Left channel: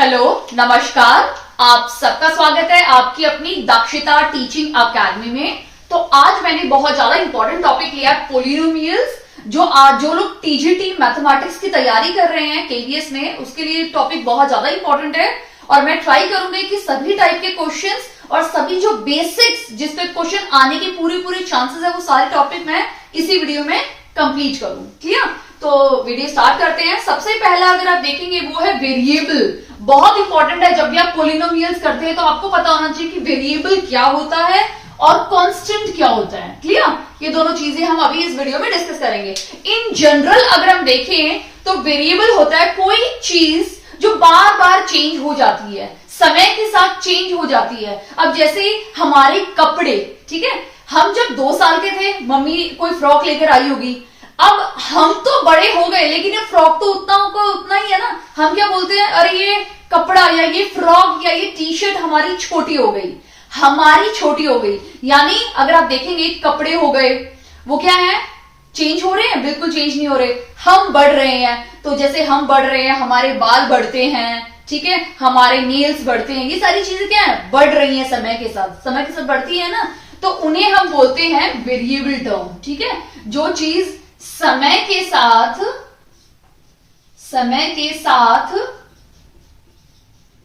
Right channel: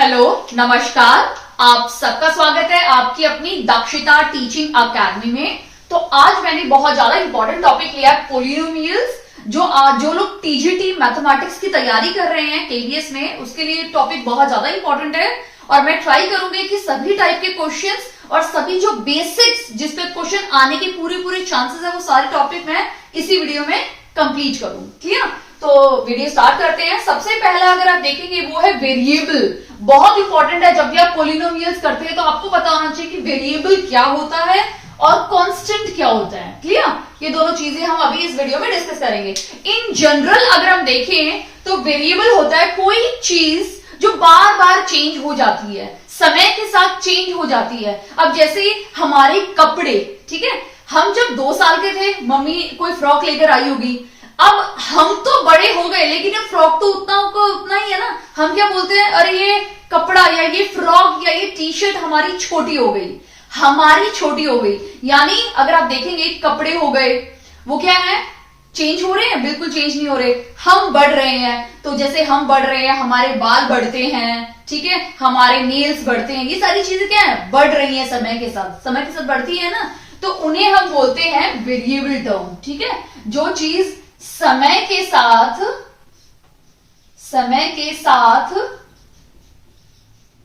Hello, नमस्कार। आप सबका स्वागत है आपकी अपनी दक्षता टीचिंग अकेडमी में। तो आज मैंने बहुत ज्यादा इंपॉर्टेंट टॉपिक लिया है, पोलिनोमियल्स। जो लोग टीजीटी मैथमेटिक्स की तैयारी कर रहे हैं केवीएस में, उसके लिए टॉपिक बहुत ज्यादा इंपॉर्टेंट है। और मैं ट्राई करूंगी कि सभी टाइप के क्वेश्चंस और सभी जो बेसिक्स जिस पे क्वेश्चन आने के पूरे चांसेस है, वो सारे टॉपिक मैं इसी वीडियो में कंप्लीट करूं। क्लियर? तो वीडियो स्टार्ट करते हैं। सबसे पहला अगर आप देखेंगे वो है वेरिएबल। बहुत इंपॉर्टेंट है, जब भी आप पोलिनोमियल्स करते हैं तो आपको पता होना चाहिए कि वेरिएबल क्या होता है और कांस्टेंट क्या होता है। क्लियर? ये दोनों चीजें हम अभी इस वीडियो में डिस्कस करेंगे। इन जनरल अगर हम देखें तो वेरिएबल होता है कोई चीज जो बार बार चेंज हो जाती है, समय के साथ चेंज हो जाती है। अब जैसे हमारे कपड़े, ठीक है, हम जब 2 साल के थे, मम्मी कोई फ्रॉक लेकर आई होगी। अब हम तो बड़े हो गए, लेकिन ये फ्रॉक तो उतना ही है ना। हम क्या बोलते हैं, अरे ये कपड़ा या ये फ्रॉक या ये टी शर्ट हमारी छोटी हो गई, हमारी छोटी हो गई। यानी अगर आप देखेंगे कपड़े हो गए, वो क्या है, चेंज हो रहे हैं? बिल्कुल चेंज नहीं हो रहे। हम बढ़ रहे हैं, तो जैसे हम बढ़ रहे हैं हमारे बाल बढ़ते हैं, ठीक है, हमारे नेल्स बढ़ते हैं। ये सारी चीजें क्या है, बढ़ रही हैं समय के साथ बढ़ती है ना। तो उन्हें हम बोलते हैं वेरिएबल टर्म। ठीक है, जो चीज समय के साथ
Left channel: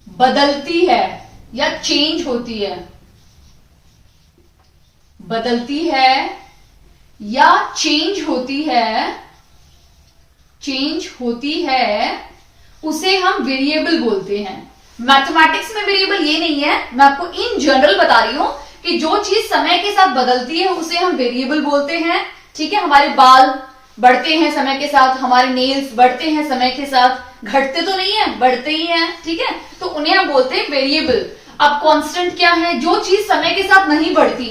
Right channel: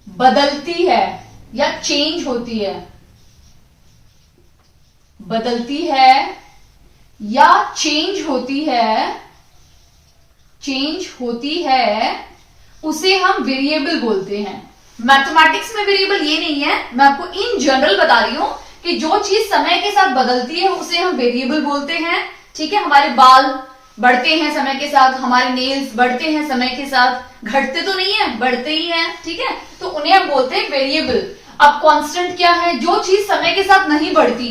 बदलती है या चेंज होती है, बदलती है या चेंज होती है, उसे हम वेरिएबल बोलते हैं। मैथमेटिक्स में वेरिएबल ये नहीं है, मैं आपको इन जनरल बता रही हूं कि जो चीज समय के साथ बदलती है उसे हम वेरिएबल बोलते हैं। ठीक है, हमारे बाल बढ़ते हैं समय के साथ, हमारे नेल्स बढ़ते हैं समय के साथ, घटते तो नहीं है, बढ़ते ही हैं। ठीक है, तो उन्हें हम बोलते हैं वेरिएबल। अब कांस्टेंट क्या है, जो चीज समय के साथ नहीं बढ़ती।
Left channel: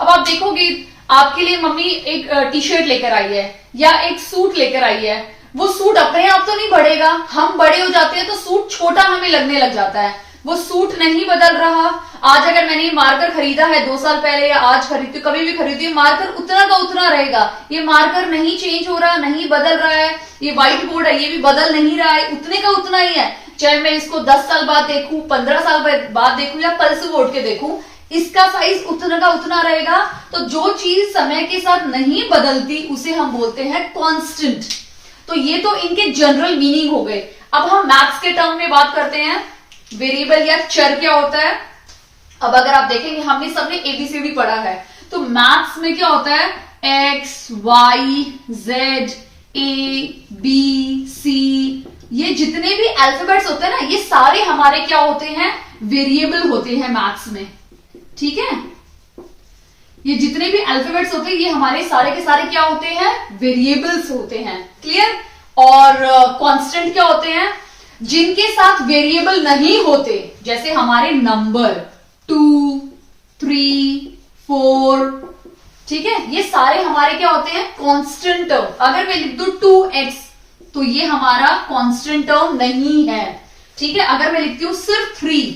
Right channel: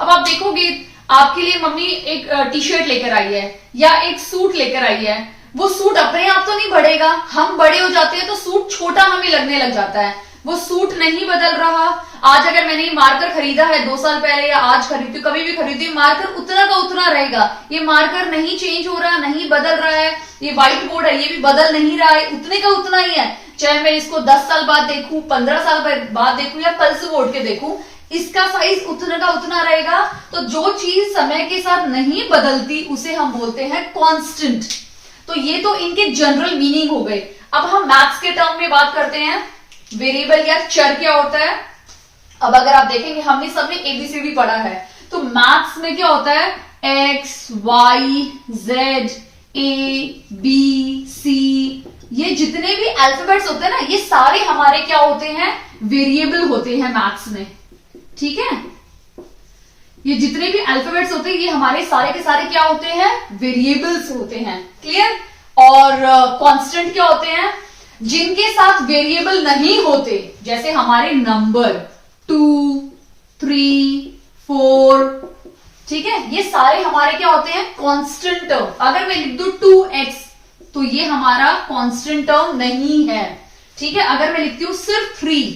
अब आप देखोगे, आपके लिए मम्मी एक टी शर्ट लेकर आई है या एक सूट लेकर आई है, वो सूट अपने आप तो नहीं बढ़ेगा, हम बड़े हो जाते हैं तो सूट छोटा हमें लगने लग जाता है। वो सूट नहीं बदल रहा। आज अगर मैंने मार्कर खरीदा है 2 साल पहले या आज खरीदती, कभी भी खरीदी, मार्कर उतना का उतना रहेगा। ये मार्कर नहीं चेंज हो रहा, नहीं बदल रहा है। ये व्हाइट बोर्ड है, ये भी बदल नहीं रहा है, उतने का उतना ही है। चाहे मैं इसको 10 साल बाद देखूं, 15 साल बाद देखूं या कल से बोर्ड के देखूं, इसका साइज उतना का उतना रहेगा। तो जो चीज समय के साथ नहीं बदलती उसे हम बोलते हैं कांस्टेंट। तो ये तो इनके जनरल मीनिंग हो गए। अब हम मैथ्स के टर्म में बात करते हैं, वेरिएबल या चर क्या होता है। अब अगर आप देखेंगे, हमने सबने एबीसीडी पढ़ा है, तो मैथ्स में क्या होता है, X Y Z A B C, ये जितने भी अल्फाबेट्स होते हैं ना, ये सारे हमारे क्या होते हैं, वेरिएबल होते हैं मैथ्स में। ठीक है, ये जितने भी अल्फाबेट्स होते हैं ये हमारे सारे के सारे क्या होते हैं, वेरिएबल्स होते हैं। क्लियर? और कांस्टेंट क्या होते हैं, जिनके साथ वेरिएबल नहीं होते, जैसे हमारे नंबर 2, 3, 4, ठीक है, ये सारे हमारे क्या होते हैं, कांस्टेंट टर्म। अगर मैं लिख दूं 2x, तो ये हमारा कांस्टेंट टर्म नहीं है। ठीक है, अगर मैं लिखती हूं सिर्फ 3,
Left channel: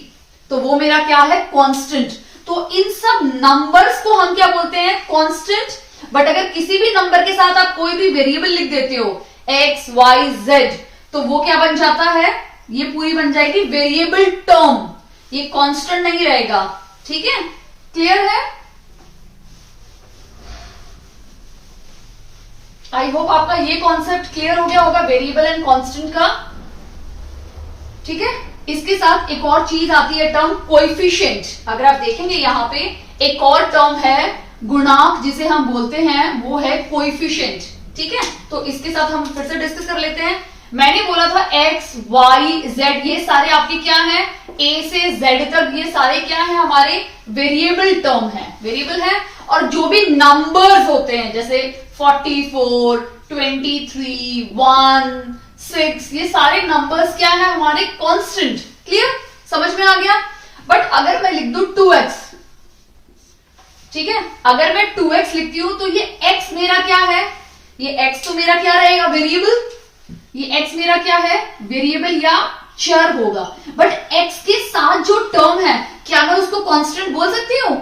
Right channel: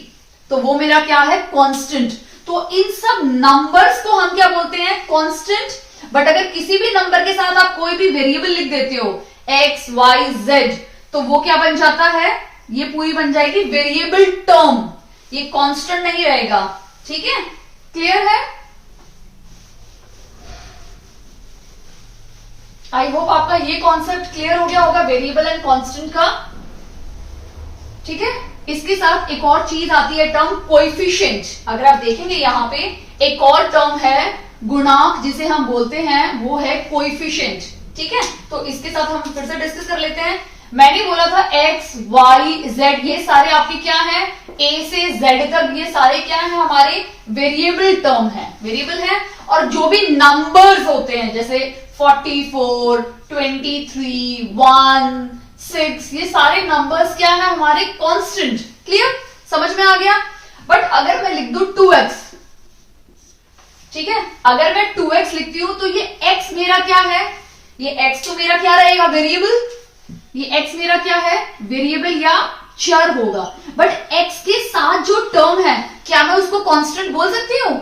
तो वो मेरा क्या है, कांस्टेंट। तो इन सब नंबर्स को हम क्या बोलते हैं, कांस्टेंट। बट अगर किसी भी नंबर के साथ आप कोई भी वेरिएबल लिख देते हो, x, y, z, तो वो क्या बन जाता है, ये पूरी बन जाएगी वेरिएबल टर्म। ये कांस्टेंट नहीं रहेगा। ठीक है, क्लियर है? आई होप आपका ये कॉन्सेप्ट क्लियर हो गया होगा, वेरिएबल एंड कांस्टेंट का। ठीक है, इसके साथ एक और चीज आती है, टर्म कोएफिशिएंट। अगर आप देखेंगे यहाँ पे एक और टर्म है, गुणांक जिसे हम बोलते हैं, वो है कोएफिशिएंट। ठीक है, तो इसके साथ हम फिर से डिस्कस कर लेते हैं। मैंने बोला था x, y, z, ये सारे आपके क्या हैं, a से z तक, ये सारे क्या हैं, हमारे वेरिएबल टर्म है, वेरिएबल है। और जो भी नंबर्स होते हैं, जैसे 44, 23, 1, 6, ये सारे नंबर्स क्या है, हमारे कांस्टेंट। क्लियर? समझ में आ गया? बट अगर मैं लिख दूं 2x, ठीक है, अगर मैं 2x लिखती हूं तो ये x मेरा क्या है, ये x तो मेरा क्या रहेगा, वेरिएबल। ये x मेरा क्या है, वेरिएबल या चर होगा। बट x के साथ जो टर्म है, क्या मैं उसको कांस्टेंट बोल सकती हूं?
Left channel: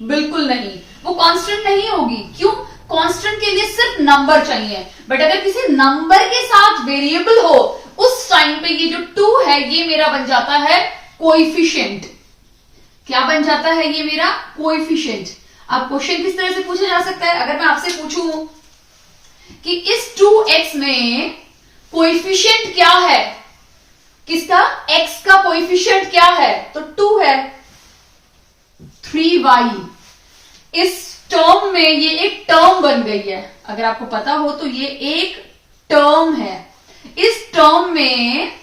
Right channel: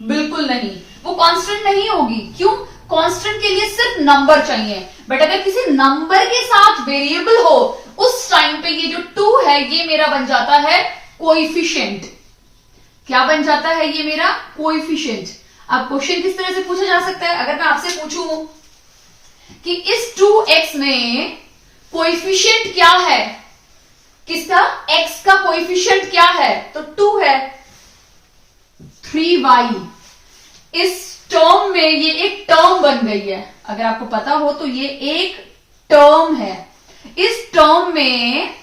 बिल्कुल नहीं, वो कांस्टेंट नहीं होगी। क्यों? कांस्टेंट के लिए सिर्फ नंबर चाहिए, बट अगर किसी नंबर के साथ वेरिएबल हो उस टाइम पे ये जो 2 है ये मेरा बन जाता है कोएफिशिएंट। क्या बन जाता है ये मेरा कोएफिशिएंट। अब क्वेश्चन किस तरह से पूछा जा सकता है, अगर मैं आपसे पूछूं कि इस 2x में कोएफिशिएंट क्या है, किसका, x का कोएफिशिएंट क्या है, तो 2 है। 3y, इस टर्म में ये एक टर्म बन गई है, अगर आपको पता हो तो ये एक टर्म है। इस टर्म में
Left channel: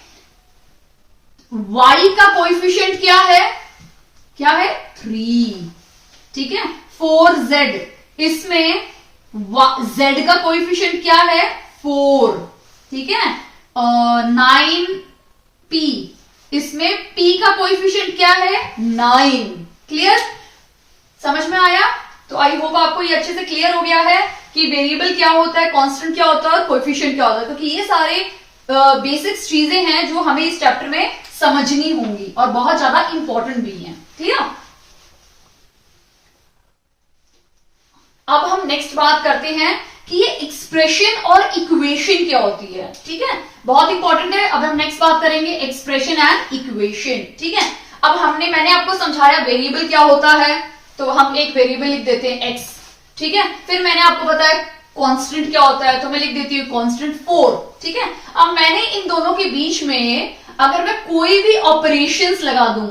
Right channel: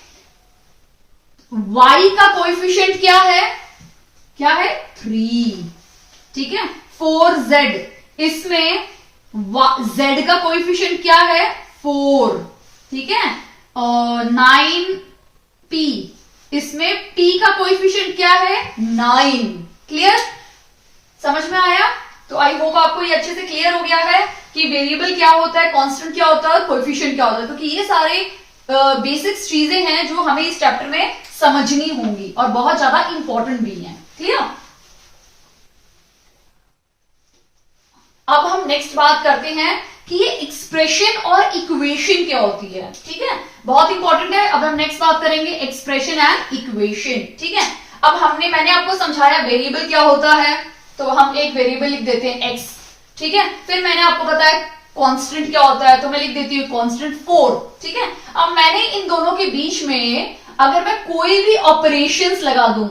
y का कोएफिशिएंट क्या है, क्या है, 3, ठीक है। 4z, इसमें z का कोएफिशिएंट क्या है, 4, ठीक है। 9p, इसमें p का कोएफिशिएंट क्या है, 9। क्लियर, समझ में आया। तो आई होप आपको ये अच्छे से क्लियर हो गया है कि वेरिएबल क्या होता है, कांस्टेंट क्या होता है और कोएफिशिएंट क्या होता है, क्योंकि ये सारे बेसिक्स चीजें हैं जो हमें इस चैप्टर में समझनी होंगी और बहुत ज्यादा इंपॉर्टेंट भी हैं। क्लियर। अब हम नेक्स्ट बात करते हैं कि ये एक्सप्रेशन और इक्वेशन क्या होती है, ठीक है, बहुत इंपॉर्टेंट है। अब हम नेक्स्ट बात करेंगे एक्सप्रेशन एंड इक्वेशन, ठीक है। अब मैंने आपको समझाया वेरिएबल क्या होता है, तो हम एक वेरिएबल लिख देते हैं x, ठीक है। फिर मैंने आपको बताया कांस्टेंट क्या होता है, तो मैं लिख देती हूँ कांस्टेंट 4, ठीक है। अब मैंने इन दोनों के बीच में अगर मैं कोई भी ऑपरेशंस लगा दूं,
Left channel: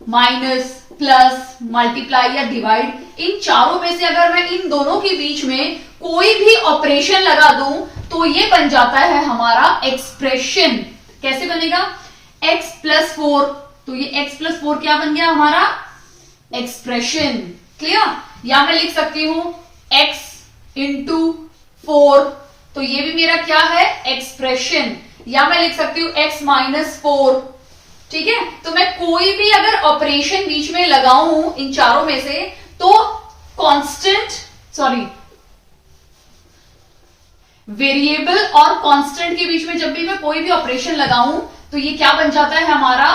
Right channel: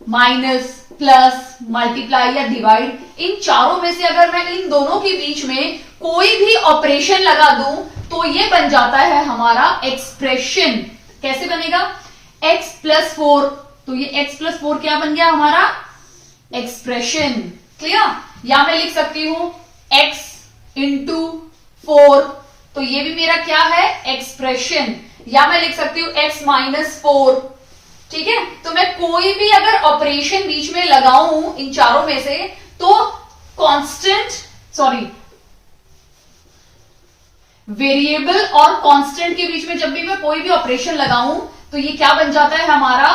माइनस, प्लस, मल्टीप्लाई या डिवाइड, इन चारों में से अगर मैं इन दोनों के बीच में कोई भी ऑपरेशन लगा दूं तो ये बन जाता है हमारा एक्सप्रेशन। कैसे बनेगा, x प्लस 4, तो ये x प्लस 4 क्या बन गया हमारा, एक्सप्रेशन। क्लियर। या मैं लिख सकती हूं x इंटू 4, तो ये भी मेरा क्या है, एक्सप्रेशन। या मैं लिख सकती हूं x माइनस 4, ठीक है। तो मैं कोई भी अगर ऑपरेशन बीच में लगाऊं इन चारों में से, तो वेरिएबल और कांस्टेंट के बीच में जब भी मैं कोई भी ऑपरेशन लगाऊं तो ये क्या बन जाता है हमारा,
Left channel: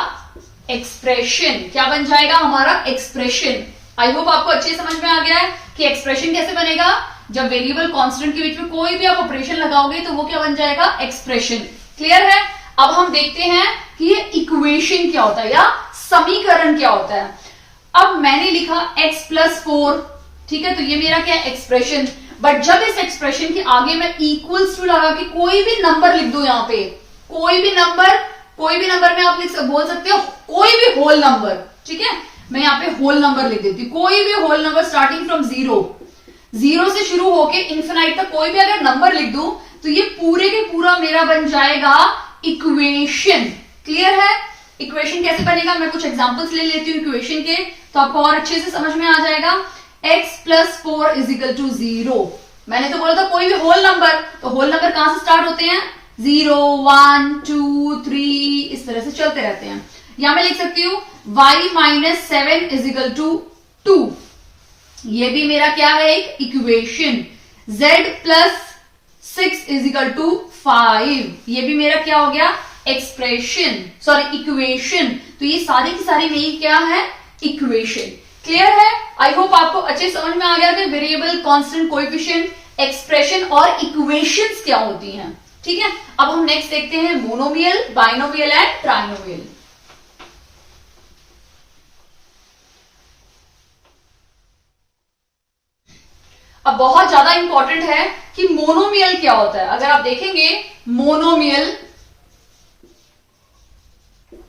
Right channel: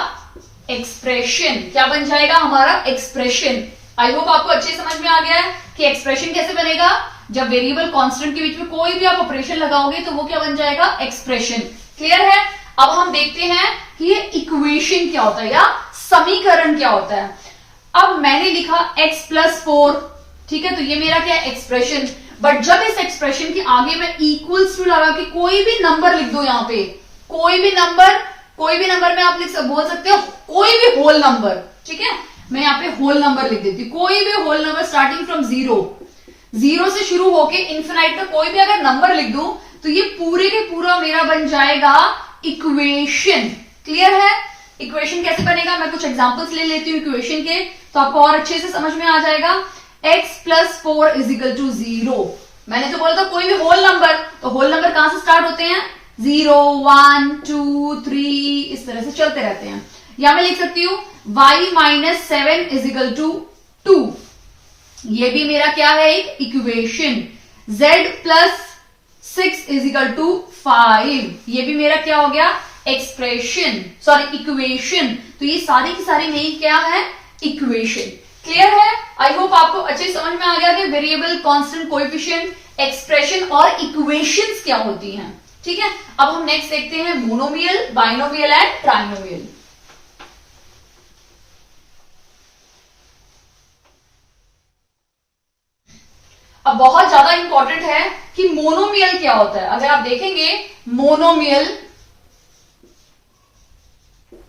एक्सप्रेशन। क्या बन जाएगा हमारा, एक्सप्रेशन। आई होप आपको अच्छे समझ में आ गया है कि एक्सप्रेशन कैसे बनेगा, जब वेरिएबल कांस्टेंट के बीच में कोई भी आप ऑपरेशन लगाओगे तो वो क्या बन जाएगा, एक्सप्रेशन। क्लियर है। अब हम देखते हैं कि ये इक्वेशन क्या होता है या समीकरण क्या होता है। अब मैंने लिखा x प्लस 4, ठीक है, तो ये मेरा क्या है, एक्सप्रेशन। बट जब इस एक्सप्रेशन के आगे मैं इक्वल्स टू लगा के कोई भी नंबर लिख दो, यहां पे कोई भी नंबर में आप बोल सकते हो कोई भी होल नंबर, ठीक है। मैं यहाँ पे होल नंबर लिख देती हूँ, कोई भी होल नंबर स्टार्टिंग फ्रॉम 0 से शुरू होके इन्फिनाइट तक कोई भी अगर नंबर लिख दूं तो ये पूरे के पूरा मेरा बन जाएगा इक्वेशन। क्लियर है। इक्वेशन कैसे बनेगा, मैं कुछ एग्जांपल्स ले लेती हूँ इक्वेशन के, तो आपको और अच्छे से समझ में आ जाएगा। x plus 4 is equal to 0। मैंने तो बोला था कोई भी होल नंबर, तो होल नंबर कहां से स्टार्ट होते हैं, 0, 1, 2, 3, इस तरह से चलते रहते हैं। या मैं लिख सकती हूँ y minus 7 is equal to 2, ये भी मेरा क्या है, एक equation. z plus 6 is equal to 5, ये भी मेरा क्या हो गया, एक्सप्रेशन, इक्वेशन। तो ये सारी की सारी मेरी क्या है, इक्वेशन। क्लियर है। आई होप आपको अच्छे समझ में आ गया कि वेरिएबल, कांस्टेंट, कोएफिशिएंट, एक्सप्रेशन और इक्वेशंस क्या होती हैं। ठीक है। अब हम नेक्स्ट देखते हैं मोनोमियल, बाइनोमियल एंड ट्राइनोमियल। अब बहुत ज्यादा इंपॉर्टेंट है कि मोनोमियल क्या होता है। अगर आप देखेंगे मोनोमियल,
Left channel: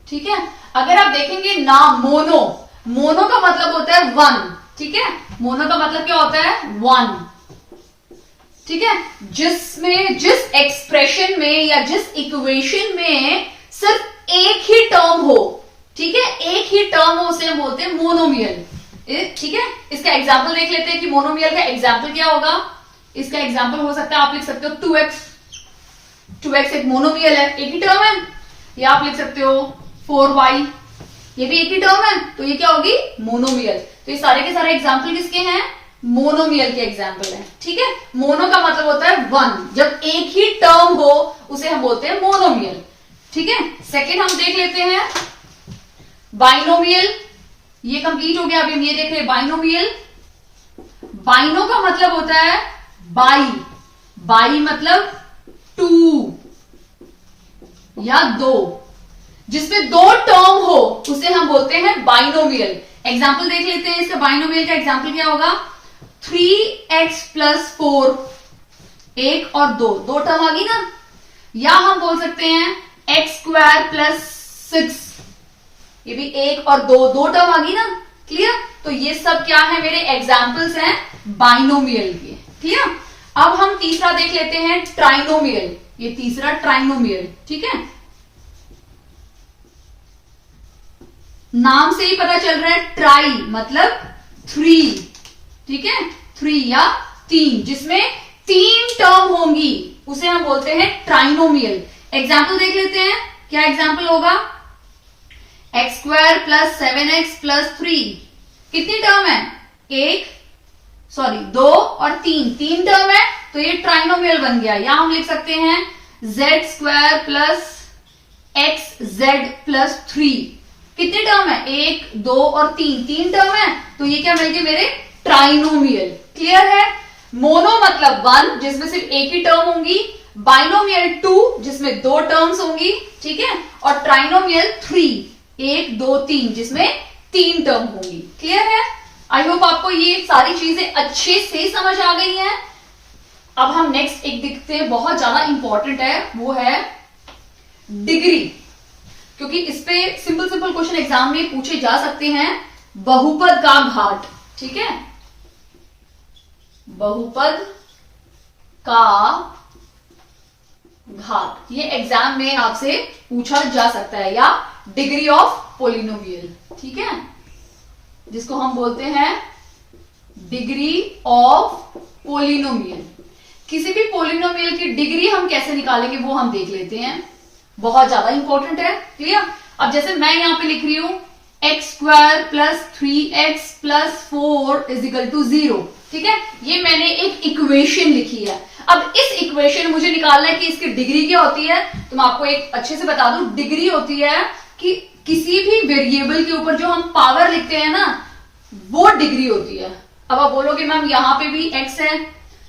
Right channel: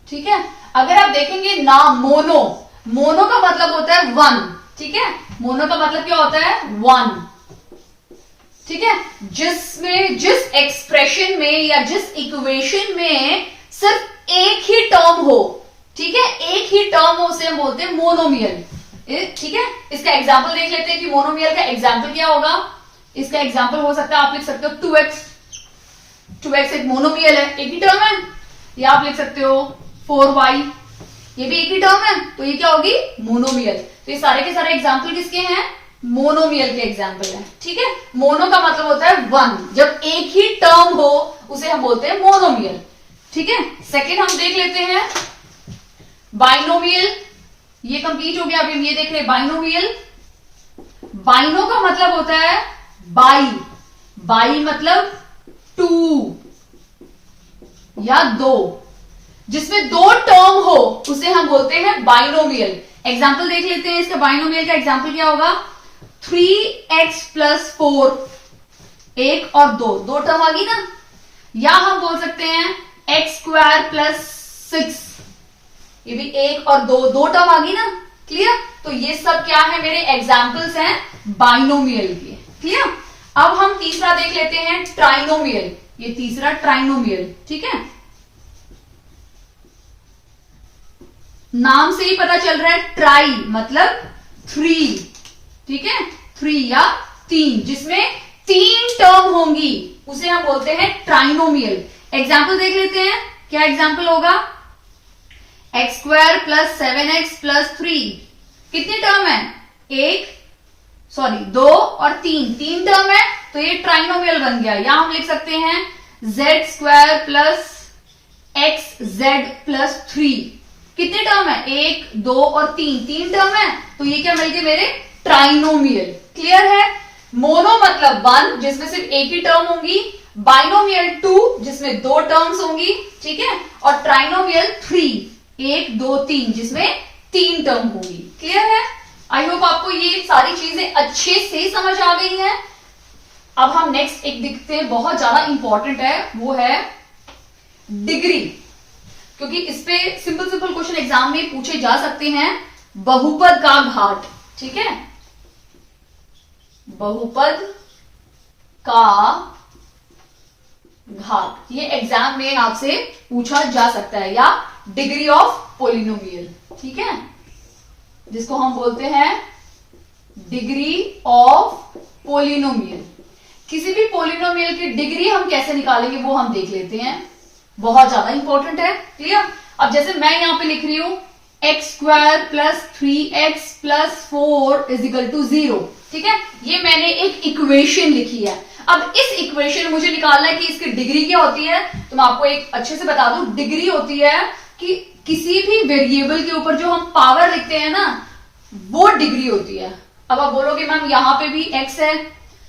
ठीक है, अगर आप देखेंगे नाम मोनो का मतलब होता है 1, ठीक है, मोनो का मतलब क्या होता है, 1, ठीक है। जिस एक्सप्रेशन में या जिस इक्वेशन में सिर्फ एक ही टर्म हो, ठीक है, एक ही टर्म हो, उसे हम बोलते हैं मोनोमियल। ठीक है। इसका एग्जाम्पल देख लेते हैं कि मोनोमियल का एग्जाम्पल क्या होगा। इसका एग्जाम्पल हो सकता है, आप लिख सकते हो 2x एक मोनोमियल है, एक ही टर्म है। या आप लिख सकते हो 4y, ये भी एक ही टर्म है, तो ये क्या होगी, मोनोमियल। तो ये सारे के सारे एग्जाम्पल किसके हैं, मोनोमियल के एग्जाम्पल हैं। ठीक है। मोनो का मतलब होता है 1, जब एक ही टर्म हो उसे हम बोलते हैं मोनोमियल। ठीक है। सेकेंड हम देख लेते हैं बाइनोमियल। ये कंप्लीट हो गया। अभी हम ये देख रहे हैं बाइनोमियल। बाइनो का मतलब होता है बाई, बाई मतलब 2 या 2, जिसमें 2 टर्म हो उसे हम बोलते हैं बाइनोमियल। एग्जाम्पल देख लेते हैं इसका। बाइनोमियल का एग्जाम्पल क्या होगा? 3x + 4, 1 और 2, 2 टर्म आ गई ना। या हम बोल सकते हैं x² + 6, ये भी 1 और 2, 2 टर्म आ गई ना। क्लियर? तो ये सब क्या है? मेरे एग्जाम्पल्स हैं बाइनोमियल के। क्लियर? अब हम तीसरा देख लेते हैं ट्राइनोमियल। ये तीसरा ट्राइनोमियल, ठीक है। नाम से ही पता चल रहा है, ट्राई मतलब 3, ठीक है, 3 या 3, जिसमें 3 टर्म होंगी उसे हम बोलते हैं ट्राइनोमियल। एग्जाम्पल देख लेते हैं। क्या एग्जाम्पल होगा? x² + 7x + 3, कितनी टर्म है? 2 और 3 टर्म है, तो ये ट्राइनोमियल बन गया। या हम लिख सकते हैं z² + xz + 3, कितने टर्म है? 1, 2 और 3 टर्म है, तो ये क्या मिल गए मेरे? ट्राइनोमियल। क्लियर है? मोनो मतलब 1, जिसमें सिर्फ एक ही टर्म होंगी। बाइनोमियल 2, जिसमें 2 टर्म्स होंगी, ठीक है। और ट्राइनोमियल 3, 1, 2, 3, जिसमें 3 टर्म होंगी। क्लियर है? आई होप आपको ये सारी चीजें अच्छे से समझ आ गई हैं। अब हम नेक्स्ट एक देखते हैं, बहुत ज्यादा इंपॉर्टेंट है, वो है डिग्री। क्योंकि इस पे सिंपल क्वेश्चन एग्जाम में पूछे जा सकते हैं। बहुपद का घात, ठीक है, बहुपद का घात, ये एग्जाम में आपसे पूछा जा सकता है। या डिग्री ऑफ पोलिनोमियल, ठीक है, जिसको हम बोलते हैं डिग्री ऑफ पोलिनोमियल। किसी भी पोलिनोमियल की डिग्री हम कैसे निकालेंगे वो हम देख लेते हैं, बहुत ज्यादा इंपॉर्टेंट है। क्लियर? अब जैसे मैं यहां पे लिख रही हूं x² + 3x + 4 = 0, ठीक है, ये मैंने एक इक्वेशन लिखी है। अब इस इक्वेशन मुझे निकालना है कि इसकी डिग्री क्या होती है। तो मैं आपको एक अच्छे से बता दूं, डिग्री होती है कि किसी भी वेरिएबल के ऊपर जो हम पावर लिखते हैं ना, वो डिग्री होती है। अब आप बोलोगे मैम यहां पे भी x है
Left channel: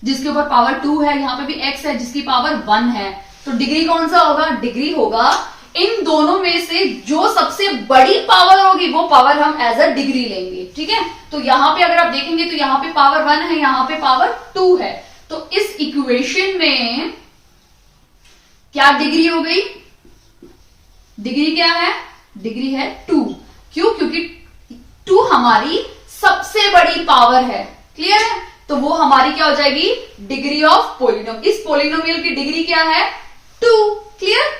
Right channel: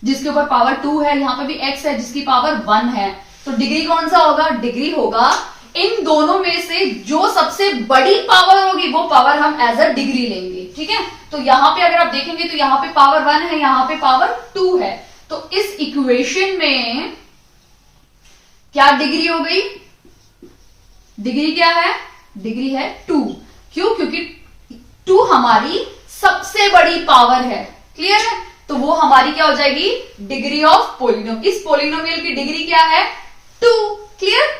जिसके ऊपर पावर 2 है, यहां पे भी x है जिसकी पावर 1 है, तो डिग्री कौन सा होगा? डिग्री होगा इन दोनों में से जो सबसे बड़ी पावर होगी वो पावर हम एज अ डिग्री लेंगे, ठीक है। तो यहां पे अगर आप देखेंगे तो यहां पे पावर 1 है, यहां पे पावर 2 है, तो इस इक्वेशन में क्या डिग्री हो गई? डिग्री क्या है? डिग्री है 2। क्यों? क्योंकि 2 हमारी सबसे बड़ी पावर है। क्लियर है? तो वो हमारी क्या हो जाएगी? Degree of polynomial. इस पोलिनोमियल की डिग्री क्या है? 2। क्लियर?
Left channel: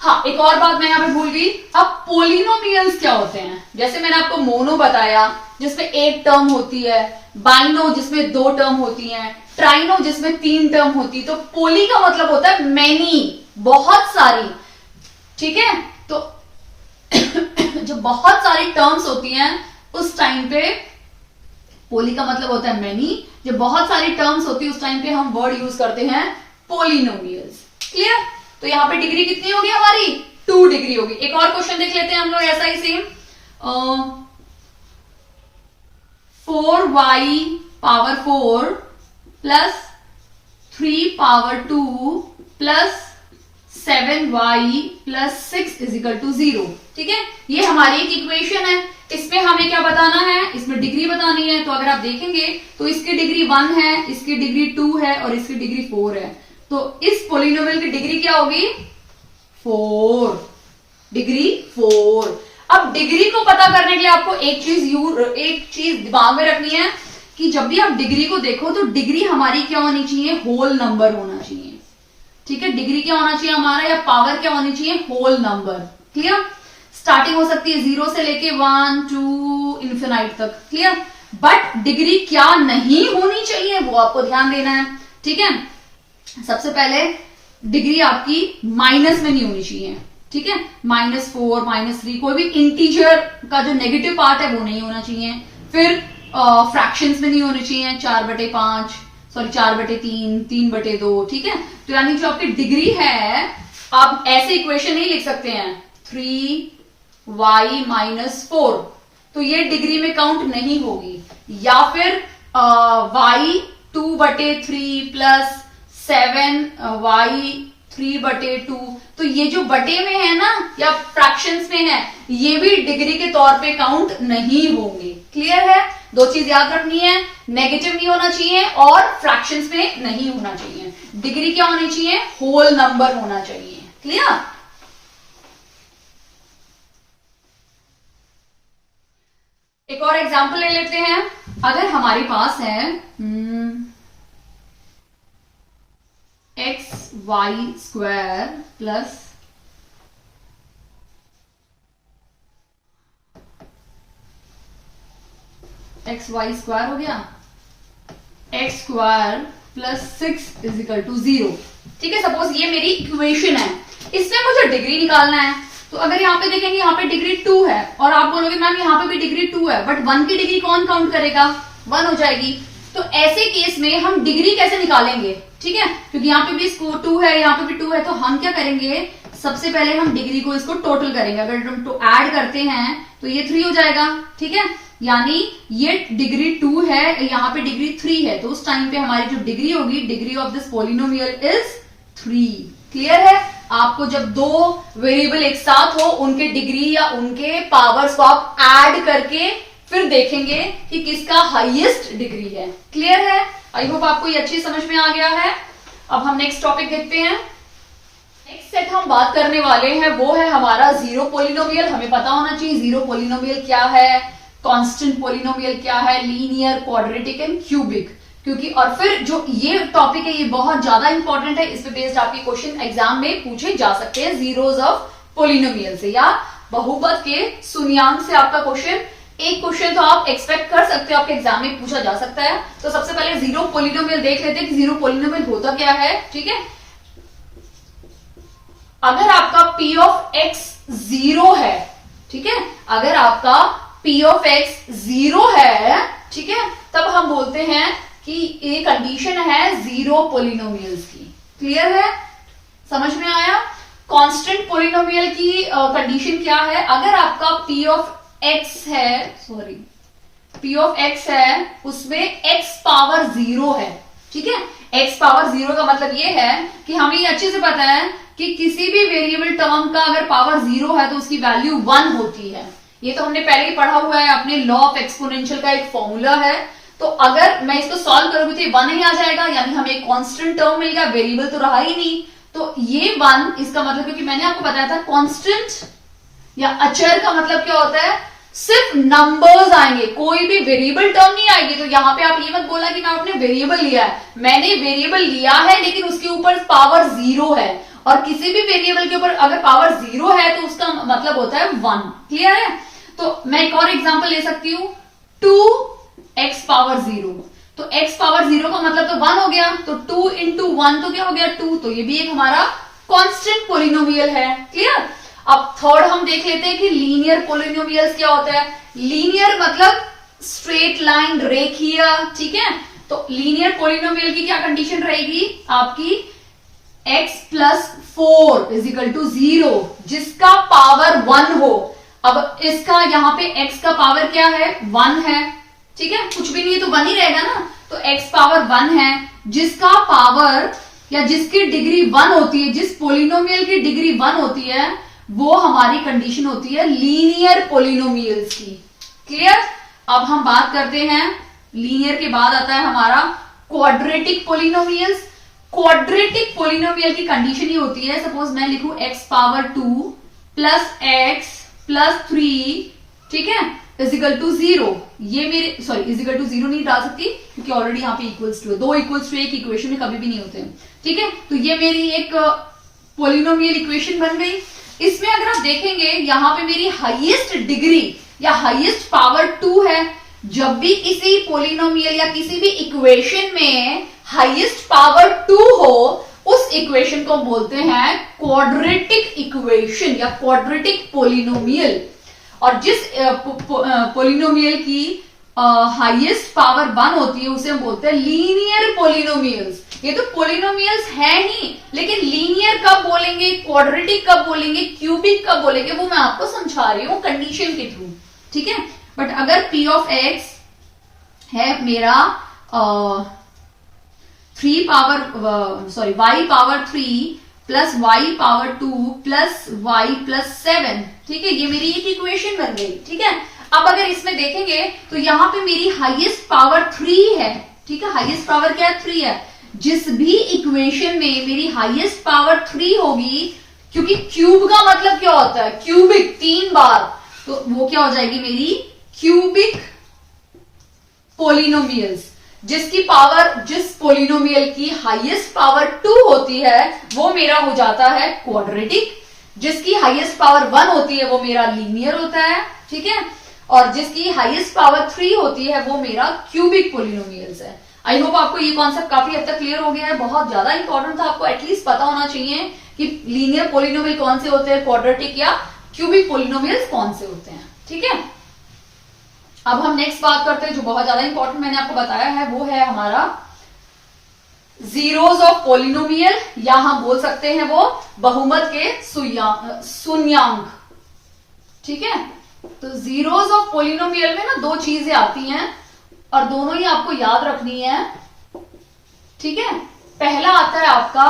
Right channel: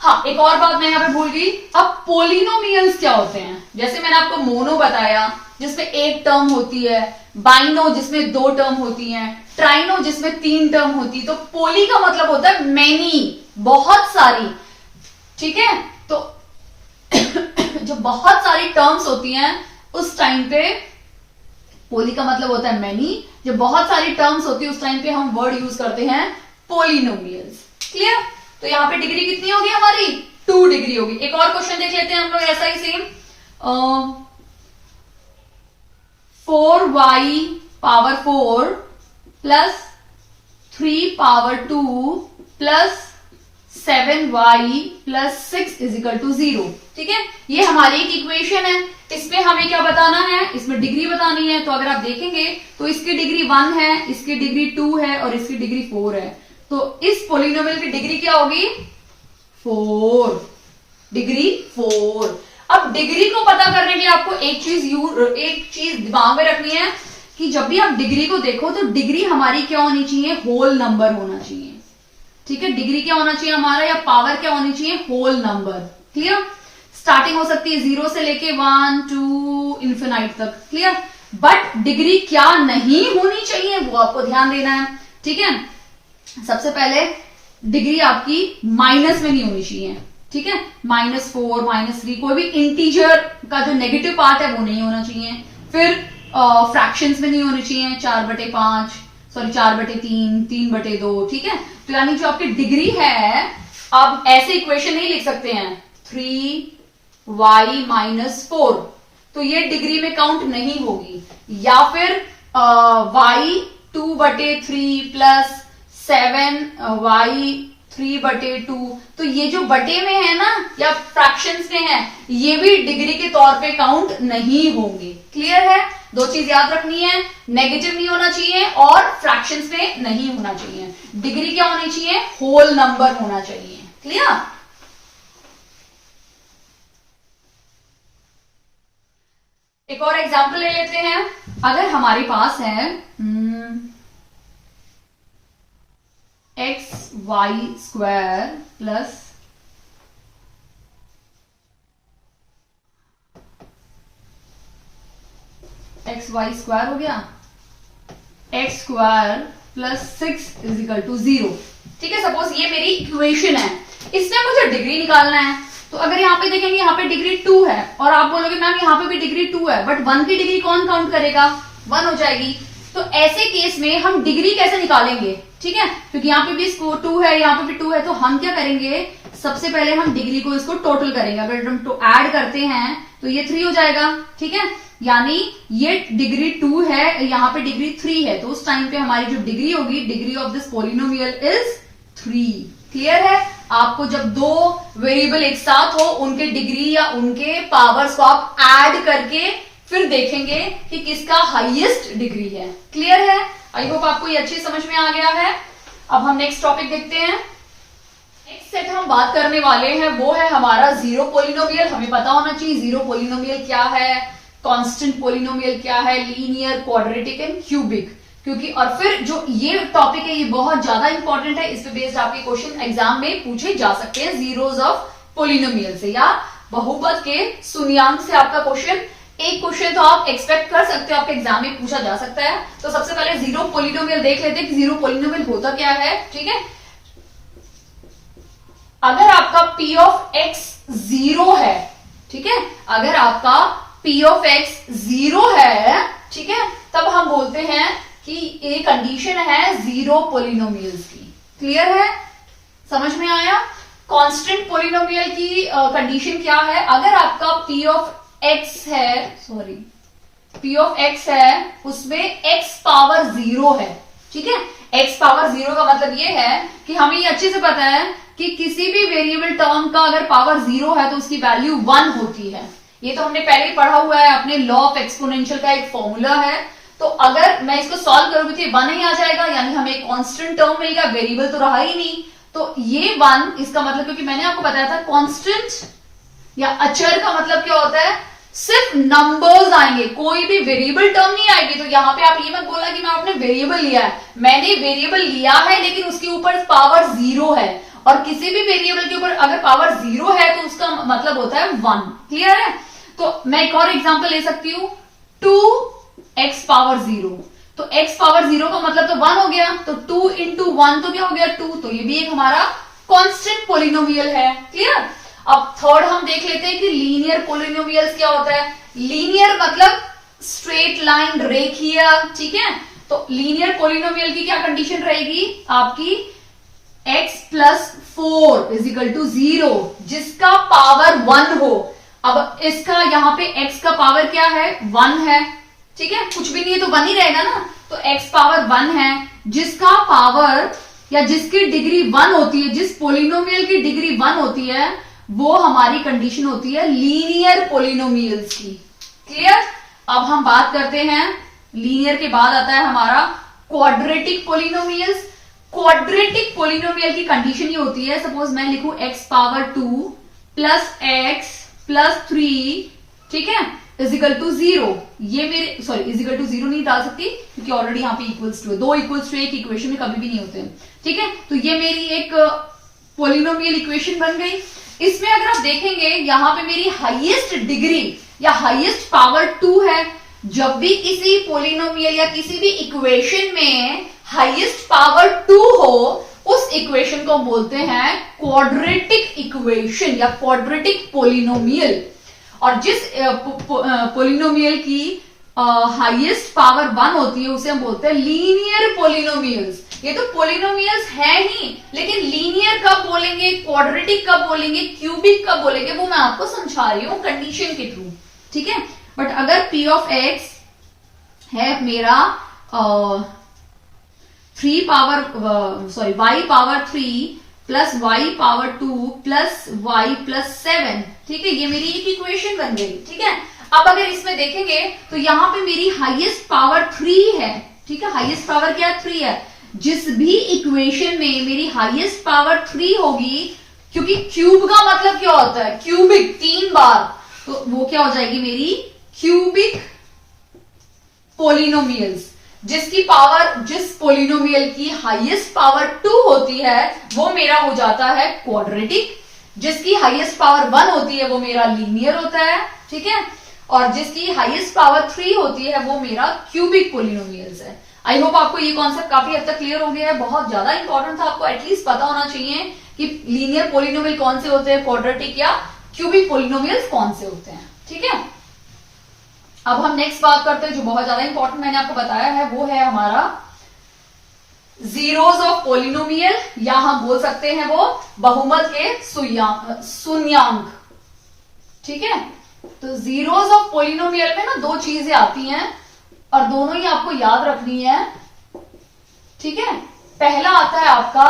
हाँ, एक और बात मैं यहां पे भूल गई। अब पोलिनोमियल्स क्या होते हैं? जैसे मैंने आपको मोनो बताया जिसमें 1 टर्म होती है, बाइनो जिसमें 2 टर्म होती हैं, ट्राइनो जिसमें 3 टर्म होती। तो पोली का मतलब होता है मैनी, बहुत सारी, ठीक है। तो जो बहुत सारी टर्म्स होती हैं उस टाइम पे पोली का मतलब होता है मैनी। जब बहुत सारी टर्म्स होती है उस टाइम पे हम वर्ड यूज करते हैं पोलिनोमियल्स। क्लियर? तो यहां पे डिग्री कितनी होगी हमारी? 2 डिग्री होगी। एक और क्वेश्चन देख लेते हैं हम लोग ऐसा ही सेम। 4y⁴ + 3⁴ + 7y + 6 = 0, ठीक है। ये हमारी एक इक्वेशन है। इसमें हमें क्या बताना है? इसमें डिग्री बतानी है। तो अगर आप देखेंगे तो इसकी डिग्री 1 है, इसकी डिग्री 2 है और इसकी डिग्री 4 है। तो इस पोलिनोमियल की डिग्री क्या होगी? 4, डिग्री 4। अब डिग्री को पता करने के लिए आपको एक चीज दिमाग में रखनी है कि जब भी आप डिग्री को देखो तो डिग्री हमारी क्या होनी चाहिए? होल नंबर होना चाहिए, ठीक है। डिग्री क्या होना चाहिए हमारा, या पावर क्या होनी चाहिए? Whole number. क्लियर? स्टार्टिंग हो सकती है 0 से लेके 1 2 इन्फिनाइट तक। क्लियर? बट डिग्री क्या नहीं होनी चाहिए वो आपको ध्यान देना है, ठीक है। सबसे पहले डिग्री आपकी माइनस में नहीं होनी चाहिए, ठीक है। -4 -3 कोई भी इंटीजर का जो नेगेटिव पार्ट है वो नहीं होना चाहिए। फिर फ्रैक्शंस में नहीं होनी चाहिए, 4/5 सॉरी 4/3 3/2, ठीक है। तो यानी जो आपकी डिग्री है, आप ऐसे इक्वेशन नहीं लिख सकते हैं 3y - 4, तो ये डिग्री में काउंट नहीं होगी। या फिर y 2/3 प्लस 7y3/2। तो ये जो बटे में है ना या फ्रैक्शंस में है, ये भी डिग्री के तौर पे काउंट नहीं होंगे। क्लियर है? दो चीज याद रखनी है, नेगेटिव नहीं होना चाहिए और फ्रैक्शंस में नहीं होना चाहिए। डिग्री क्या होनी चाहिए? होल नंबर होना चाहिए। क्लियर? एक और एग्जांपल ले लेते हैं। अगर हमारे पास है xy² प्लस xy² हो गया, x² प्लस 6 = 0। ठीक है, सपोज ये मेरी इक्वेशन है, इसमें मुझे डिग्री निकालना है। तो अगर यहाँ पे देखेंगे, यहाँ पे डिग्री 2 है और आप बोलोगे मैम यहाँ पे भी डिग्री 2 है, बट 1 की डिग्री कौन काउंट करेगा? 1 हो जाएगी। तो ऐसे केस में हम डिग्री कैसे निकालेंगे? ठीक है, क्योंकि यहाँ पे भी इसको 2 है, यहाँ पे भी 2 है, तो हम क्या करेंगे, सबसे पहले हम डिग्री को इसको टोटल करेंगे। अगर हम तो ऐड करते हैं तो ये 3 हो जाएगा। ठीक है, यानी ये डिग्री 2 है, यहाँ पे डिग्री 3 है, तो उस टाइम पे हमारी जो डिग्री होगी, degree of this polynomial is 3। Clear है? आपको जब दो वेरिएबल एक साथ हो, उनके डिग्री या उनके पावर्स को आप ऐड करके फिर देखेंगे कि किसका हाईएस्ट डिग्री है। क्लियर है? आई होप आपको ये अच्छी समझ में आ गया है। अब हम नेक्स्ट टॉपिक देखते हैं। नेक्स्ट सेट हम बात करने वाले हैं वो है हमारा जीरो पोलिनोमियल। हमें पता होना चाहिए जीरो पोलिनोमियल क्या है, कांस्टेंट पोलिनोमियल क्या है, लीनियर, क्वाड्रेटिक एंड क्यूबिक। क्योंकि और फिर जो ये टॉपिक है ये बहुत ज्यादा इंपॉर्टेंट है, इस पे बेस्ड आपके क्वेश्चन एग्जाम में पूछे जा सकते हैं जीरोज ऑफ पोलिनोमियल से या बहुपद के शून्यांक से। आपका क्वेश्चन एक क्वेश्चन तो आप एक्सपेक्ट कर सकते हो, आपके एग्जाम में पूछा जा सकता है। तो सबसे पहले जीरो पोलिनोमियल देख लेते हैं कि जीरो पोलिनोमियल होता क्या है। ठीक है, अगर आपका p ऑफ x 0 है, ठीक है, अगर आपका p ऑफ x 0 है, ठीक है, तब हम बोलते हैं कि ये कंडीशन है जीरो पोलिनोमियल्स की। क्लियर है? समझ में आया? कांस्टेंट पोलिनोमियल की कंडीशन क्या है? अगर आपका p ऑफ x है, सॉरी p ऑफ x है, उसमें x पावर 0 है। ठीक है, x पावर 0 का मतलब ये है कि हमें ये अच्छे से पता है कि किसी भी वेरिएबल टर्म का अगर पावर 0 है तो उसकी वैल्यू 1 होती है। ये तो हमने पहले ही पढ़ा हुआ है, अपने लॉ ऑफ एक्सपोनेंशियल का एक फॉर्मूला है। तो अगर मैं इसको सॉल्व करूंगी तो ये 1 ही आ जाएगा, यानी हमें एक कांस्टेंट टर्म मिल गया, वेरिएबल तो रहा ही नहीं। तो ये 1, इसका मतलब, क्योंकि मैंने आपको बताया था कांस्टेंट या अचर का मतलब क्या होता है, सिर्फ नंबर्स आएंगे, कोई भी वेरिएबल टर्म नहीं आएगी। तो यहाँ पे आप ये मत बोला कि मैं आपने वेरिएबल लिया है, मैंने वेरिएबल लिया है लेकिन उसके ऊपर पावर 0 है, और किसी भी वेरिएबल के ऊपर अगर पावर 0 है तो उसका मतलब होता है 1। क्लियर है? तो मैं एक और एग्जांपल ले सकती हूं, 2x पावर 0। तो x पावर 0 का मतलब तो 1 हो गया, तो 2 into 1 तो क्या हो गया 2। तो ये भी एक हमारा कांस्टेंट पोलिनोमियल है। क्लियर? अब थर्ड हम देख लेते हैं कि लीनियर पोलिनोमियल्स क्या होता है। लीनियर मतलब स्ट्रेट लाइन, रेखीय। ठीक है, तो लीनियर पोलिनोमियल की क्या कंडीशन रहेगी आपकी, x प्लस 4 = 0, जिसका पावर 1 हो। अब इसका यहाँ पे x का पावर क्या है, 1 है। ठीक है, कुछ भी नहीं है तो 1 ही रहेगा ना। तो x पावर 1 है, जिसका पावर या जिसकी डिग्री 1 होती है, जिस पोलिनोमियल की डिग्री 1 होती है, वो हमारी कंडीशन होती है लीनियर पोलिनोमियल्स की। क्लियर? अब हम बात करते हैं, लीनियर के बाद आता है हमारा क्वाड्रेटिक पोलिनोमियल्स। क्वाड्रेटिक पोलिनोमियल की कंडीशन ये होती है, सपोज मैं लिखूं x power 2 plus x plus 3, ठीक है, = 0। ये मेरे, सॉरी, = 0 नहीं डाल सकती क्योंकि ऑलरेडी यहाँ पे इक्वल्स टू है। 2 इक्वल्स टू एक इक्वेशन में कभी भी नहीं होते हैं। ठीक है, तो ये मेरी एक पोलिनोमियल इक्वेशन बन गई। इसमें अगर आप देखेंगे यहाँ पे मेरी हाईएस्ट डिग्री या हाईएस्ट पावर 2 है। जब भी किसी पोलिनोमियल या किसी भी इक्वेशन में हाईएस्ट पावर 2 हो, उस इक्वेशन को बोलते हैं क्वाड्रेटिक इक्वेशन या क्वाड्रेटिक पोलिनोमियल। और जिस पोलिनोमियल की हाईएस्ट पावर 1 होती है उसे हम बोलते हैं लीनियर पोलिनोमियल्स। ये तो पोलिनोमियल्स है ही, लेकिन लीनियर कब बोलेंगे, क्वाड्रेटिक कब बोलेंगे, क्यूबिक कब बोलेंगे, वो मैं आपको समझा रही हूं कंडीशन के थ्रू। ठीक है, बट अगर p ऑफ x है मेरा y power 3 plus y power 2 plus y plus 7। ठीक है, ये मेरी एक इक्वेशन बन गई। ठीक है, अब अगर इसमें देखेंगे तो यहां पे मेरी हाईएस्ट पावर 3 है। ठीक है, हाईएस्ट पावर क्या है? 3 है। जिस भी इक्वेशन में मेरी हाईएस्ट पावर 3 होगी, क्योंकि क्यूब का मतलब क्या होता है? क्यूबिक, 3 बार, तो वो क्या हो जाएगी मेरी क्यूबिक पोलिनोमियल्स। जिस पोलिनोमियल की हाईएस्ट पावर 2 होती है वो मेरा हो जाता है क्वाड्रेटिक, जिसकी हाईएस्ट पावर 1 होती है वो मेरा लीनियर होता है। ठीक है, और जिसकी हाईएस्ट पावर 3 होती है वो मेरा क्यूबिक पोलिनोमियल्स है। आई होप आपको ये कॉन्सेप्ट काफी हद तक क्लियर हो गया है। बहुत ज्यादा इंपॉर्टेंट था, आपको एटलीस्ट पता होना चाहिए कि लीनियर पोलिनोमियल कौन से होते हैं, क्वाड्रेटिक या क्यूबिक पोलिनोमियल्स कौन से होते हैं। ठीक है, अब हम नेक्स्ट बात करते हैं जो बहुत ज्यादा इंपॉर्टेंट मैंने आपको बताया है, वो है हमारा जीरोस ऑफ पोलिनोमियल, या हम बोल सकते हैं वो बहुमत के शून्यांक। ठीक है, तो जीरोस ऑफ पोलिनोमियल में ना दो चीजें आती हैं और दोनों ही आपको याद रखनी है। ठीक है, पहला आता है आपका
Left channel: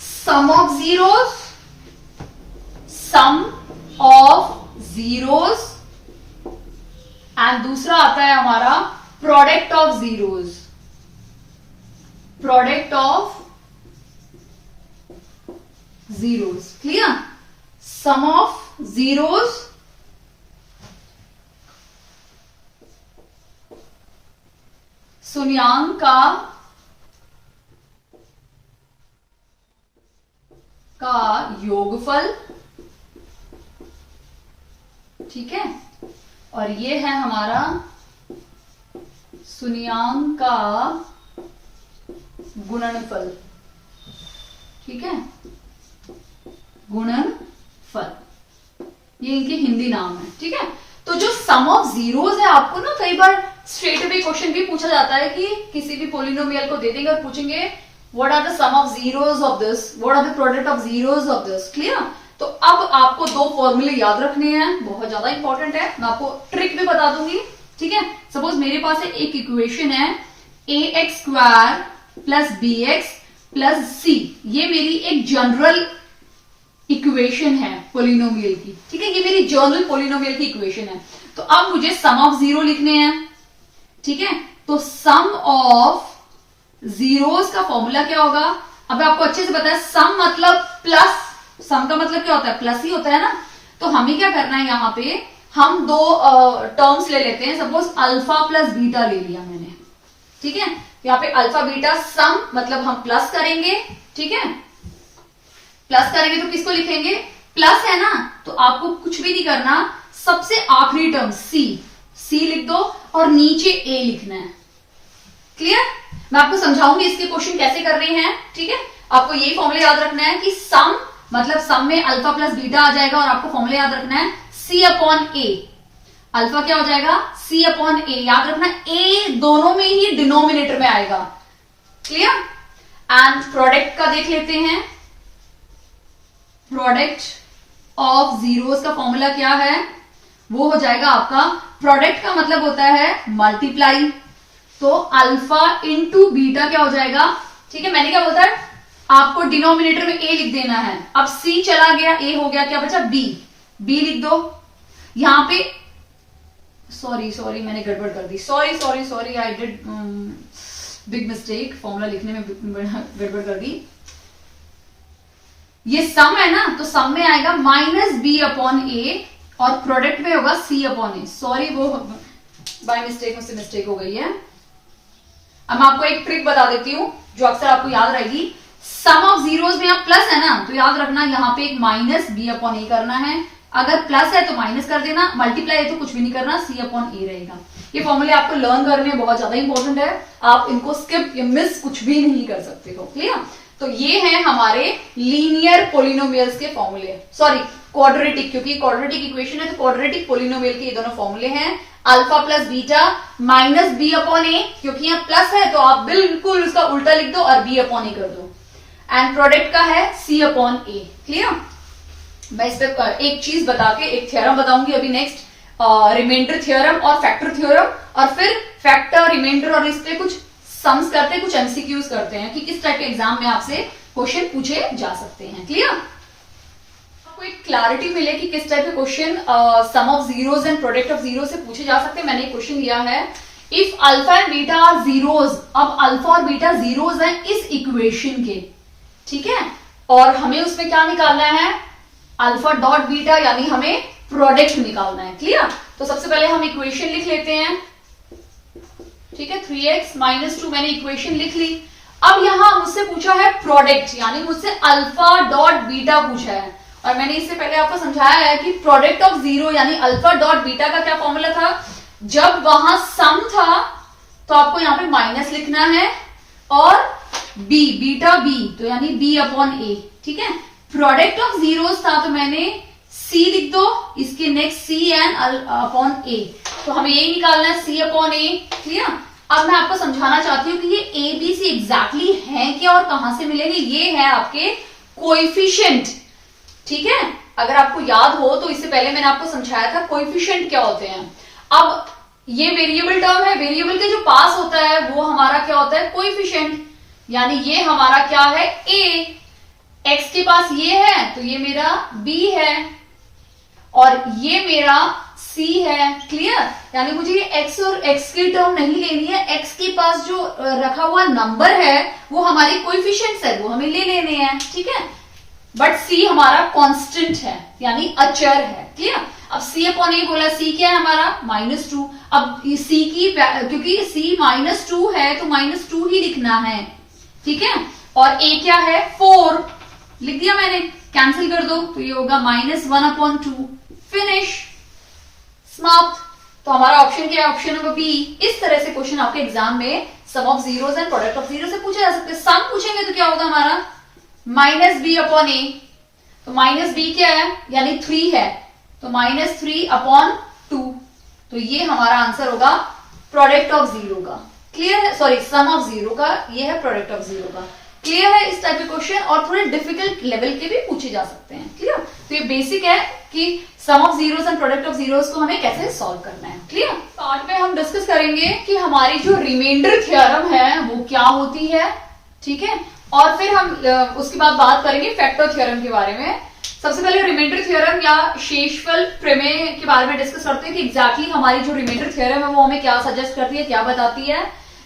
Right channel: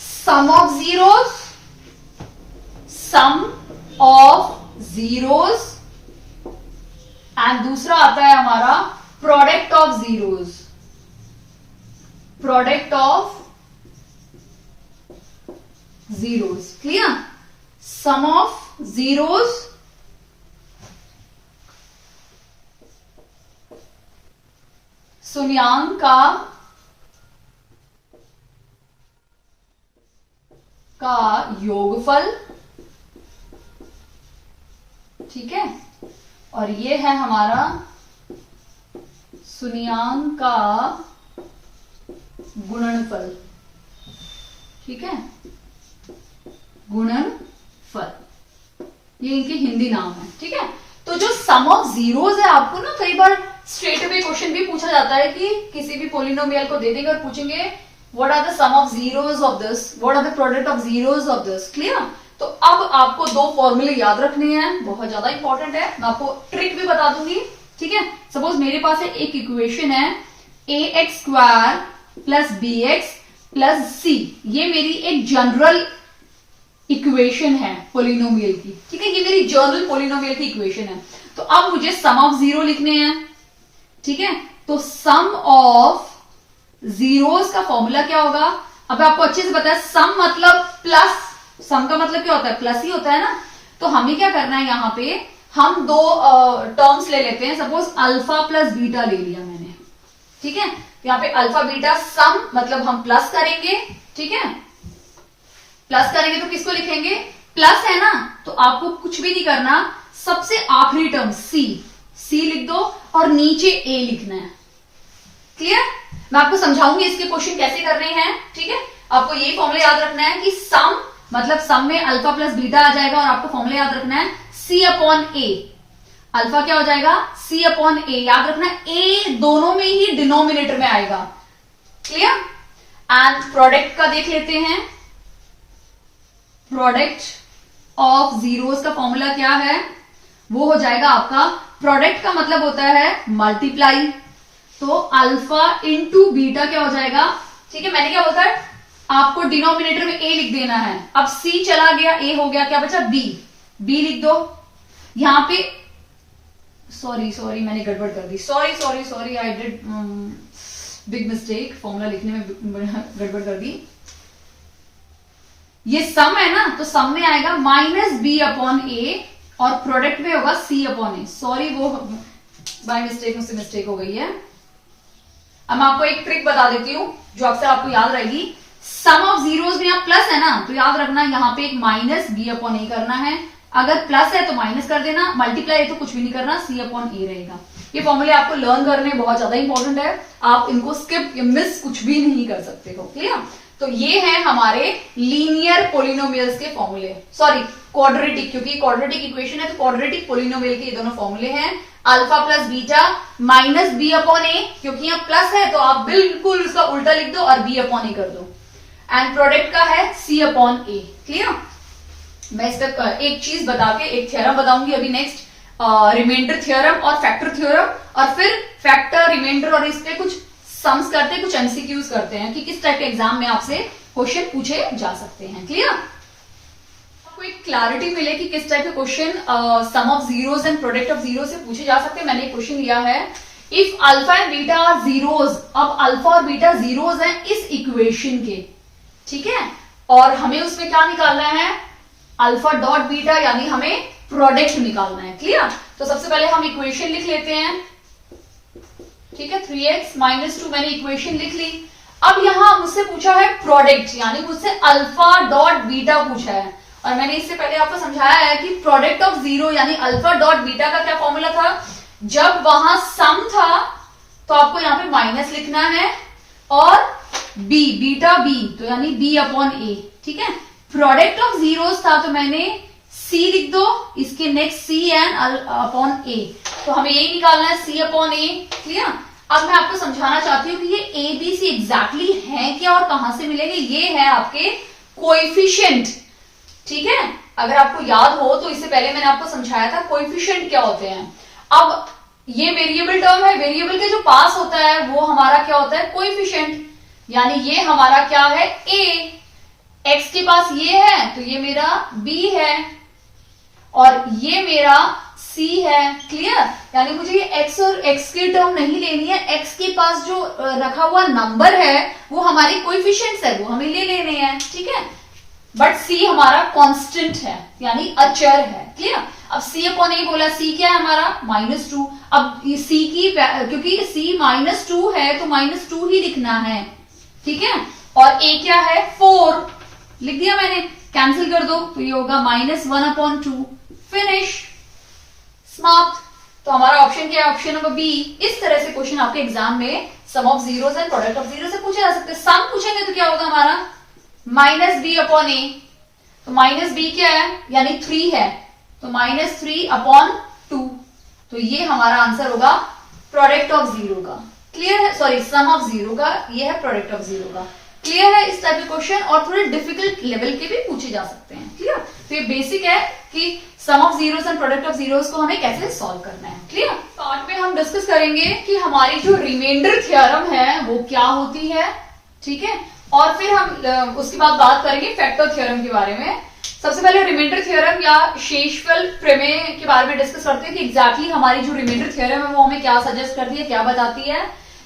सम ऑफ जीरोस एंड दूसरा आता है हमारा product of zeros. Clear? Sum of zeros शून्यांक का योगफल। ठीक है, और ये है हमारा शून्यांक का गुणनफल। ठीक है, गुणनफल, ये इनके हिंदी नाम है। ठीक है, तो जो सम ऑफ जीरोस है, आपको ना कई बार स्ट्रेट अवे क्वेश्चन भी पूछा जाता है कि किसी भी पोलिनोमियल को दे देंगे और पूछेंगे what are the sum of zeros of this, what are the product of zeros of this. Clear? तो अब आपको दो फॉर्मूले याद रखने हैं, बहुत ज्यादा इंपॉर्टेंट है। मैं आपको ट्रिक भी बता दूंगी। ठीक है, सपोज मेरे पास एक इक्वेशन है ax² plus bx plus c, ये मेरी एक जनरल इक्वेशन है पोलिनोमियल की। ठीक है, ये मेरी जनरल पोलिनोमियल की इक्वेशन है। तो अब मुझे सम ऑफ जीरो लिखने हैं। ठीक है, तो सम ऑफ जीरोस का फॉर्मूला क्या होगा? अब आपको अच्छे से पता है, सम मतलब प्लस, सम का मतलब क्या होता है? प्लस ही होता है ना। तो हमें क्या करना है, यहां पे हम दो टर्म्स ले लेते हैं। सपोज अल्फा प्लस बीटा ले लिया मैंने। ठीक है, यहाँ पे अल्फा बीटा सम मतलब हम प्लस करेंगे। ठीक है, प्लस करेंगे तो किसको लिखेंगे? प्लस है ना, तो आपको कुछ भी नहीं करना, सबसे आखिरी टर्म सी लिख दो और नीचे ए लिखना है। क्लियर? मैं आपको समझाऊंगी इसके क्वेश्चन कैसे कर रहे हैं। ठीक है, आपको ये फॉर्मूला याद रखना है कि सम मतलब सम में अल्फा प्लस बीटा आ जाएगा, और आपको फॉर्मूला याद रखना है सी अपॉन ए। अल्फा क्या हो जाएगा? सी अपॉन ए। याद रखना ए दोनों में ही डिनोमिनेटर में आएगा। क्लियर? एंड प्रोडक्ट का देख लेते हैं। प्रोडक्ट ऑफ जीरोस का फॉर्मूला क्या है? वो हो जाएगा आपका, प्रोडक्ट का मतलब होता है मल्टीप्लाई, तो अल्फा इंटू बीटा क्या हो जाएगा? ठीक है, मैंने क्या बोलता है, आपको डिनोमिनेटर में ए लिख देना है। अब सी चला गया, ए हो गया, क्या बचा? बी लिख दो। यहां पे सॉरी मैंने गड़बड़ कर दी। Sorry I did big mistake, formula लिखने में गड़बड़ कर दी। ये सम है ना, तो सम में आएगा माइनस बी अपॉन ए और प्रोडक्ट में होगा सी अपॉन ए। सॉरी, वो बाय मिस्टेक मुझसे मिस्टेक हो गई है। अब मैं आपको एक ट्रिक बता देती हूं जो अक्सर आपको याद रहेगी। सम ऑफ जीरोस में आप प्लस है ना, तो याद रखना यहां पे एक माइनस बी अपॉन ए करना है। अगर प्लस है तो माइनस कर देना, मल्टीप्लाई है तो कुछ भी नहीं करना, सी अपॉन ए रहेगा। ये फॉर्मूले आपको लर्न करने बहुत ज्यादा इंपॉर्टेंट है, आप इनको स्किप या मिस कुछ भी नहीं कर सकते हो। क्लियर? तो ये है हमारे लीनियर पोलिनोमियल्स के फॉर्मूले, सॉरी क्वाड्रेटिक, क्योंकि क्वाड्रेटिक इक्वेशन है तो क्वाड्रेटिक पोलिनोमियल के ये दोनों फॉर्मूले हैं। Alpha plus beta minus b upon a, क्योंकि यहाँ प्लस है तो आप बिल्कुल उसका उल्टा लिख दो और बी अपॉन ए कर दो। एंड प्रोडक्ट का है सी अपॉन ए। क्लियर? मैं इस पर एक चीज बता के एक थ्योरम बताऊंगी अभी नेक्स्ट, रिमाइंडर थ्योरम और फैक्टर थ्योरम, और फिर फैक्टर, रिमाइंडर और इस पे कुछ सम्स करते हैं, कुछ एमसीक्यूज करते हैं कि किस टाइप के एग्जाम में आपसे क्वेश्चन पूछे जा सकते हैं। क्लियर? आपको एक क्लैरिटी मिले कि किस टाइप के question sum of zeros and product of zero से पूछे जा सकते हैं। मैंने एक क्वेश्चन लिया है, if alpha and beta are zeros. अब अल्फा और बीटा जीरोज हैं इस इक्वेशन के, ठीक है, और हमें उसमें क्या निकालना है, अल्फा डॉट बीटा, यानी हमें प्रोडक्ट निकालना है। क्लियर? तो सबसे पहले हम इक्वेशन लिख लेते हैं, ठीक है, 3x - 2 मैंने इक्वेशन लिख ली। अब यहां मुझसे पूछा है प्रोडक्ट, यानी मुझसे अल्फा डॉट बीटा पूछा है, और मैंने इससे पहले आपको समझाया है कि प्रोडक्ट ऑफ जीरो यानी अल्फा डॉट बीटा का क्या फॉर्मूला था, जब वहां सम था तो आपको यहां पे माइनस लिखना है, और b बीटा b तो यानी b अपॉन a, ठीक है। प्रोडक्ट ऑफ जीरोस था तो मैंने c लिख दो, इसके नेक्स्ट c एन अपॉन a, तो हमें यही निकालना है c अपॉन a। क्लियर? अब मैं आपको समझाना चाहती हूँ कि ये a b c एग्जैक्टली है क्या और कहां से मिलेंगे। ये है आपके कोएफिशिएंट, ठीक है। अगर आपको याद हो तो इससे पहले मैंने आपको समझाया था कोएफिशिएंट क्या होते हैं। अब ये वेरिएबल टर्म है, वेरिएबल के जो पास होता है वो हमारा क्या होता है, कोएफिशिएंट, यानी ये हमारा क्या है, a, x के पास ये है तो ये मेरा b है और ये मेरा c है। क्लियर? यानी मुझे ये x और x की टर्म नहीं लेनी है, x के पास जो रखा हुआ नंबर है वो हमारी कोएफिशिएंट्स है, वो हमें ले लेने हैं, ठीक है। बट c हमारा कांस्टेंट है, यानी अचर है। क्लियर? अब c अपॉन a बोला, c क्या है हमारा, -2। अब c की, क्योंकि c -2 है तो -2 ही लिखना है, ठीक है, और a क्या है, 4 लिख दिया मैंने, कैंसिल कर दो तो ये होगा -1/2, फिनिश, समाप्त। तो हमारा ऑप्शन क्या है, ऑप्शन नंबर बी। इस तरह से क्वेश्चन आपके एग्जाम में sum of zeros and product of zero से पूछे जा सकते हैं। सम पूछेंगे तो क्या होगा हमारा, -b अपॉन a, तो -b क्या है, यानी 3 है, तो -3/2, तो ये हमारा आंसर होगा प्रोडक्ट ऑफ जीरो का। क्लियर है? सॉरी, सम ऑफ जीरो का, ये है प्रोडक्ट ऑफ जीरो का। क्लियर है? इस टाइप के क्वेश्चन और थोड़े डिफिकल्ट लेवल के भी पूछे जा सकते हैं। क्लियर? तो ये बेसिक है कि sum of zeros and product of zeros को हमें कैसे सॉल्व करना है। क्लियर? पार्ट में हम डिस्कस करेंगे कि हमारी जो रिमाइंडर थ्योरम है वो क्या होती है, ठीक है, और फिर हम उसके बाद बात करेंगे फैक्टर थ्योरम के बारे में। सबसे पहले रिमाइंडर थ्योरम या शेषफल प्रमेय के बारे में डिस्कस करते हैं कि एग्जैक्टली हमारी जो रिमाइंडर थ्योरम है वो हमें क्या सजेस्ट करती है, क्या बताती है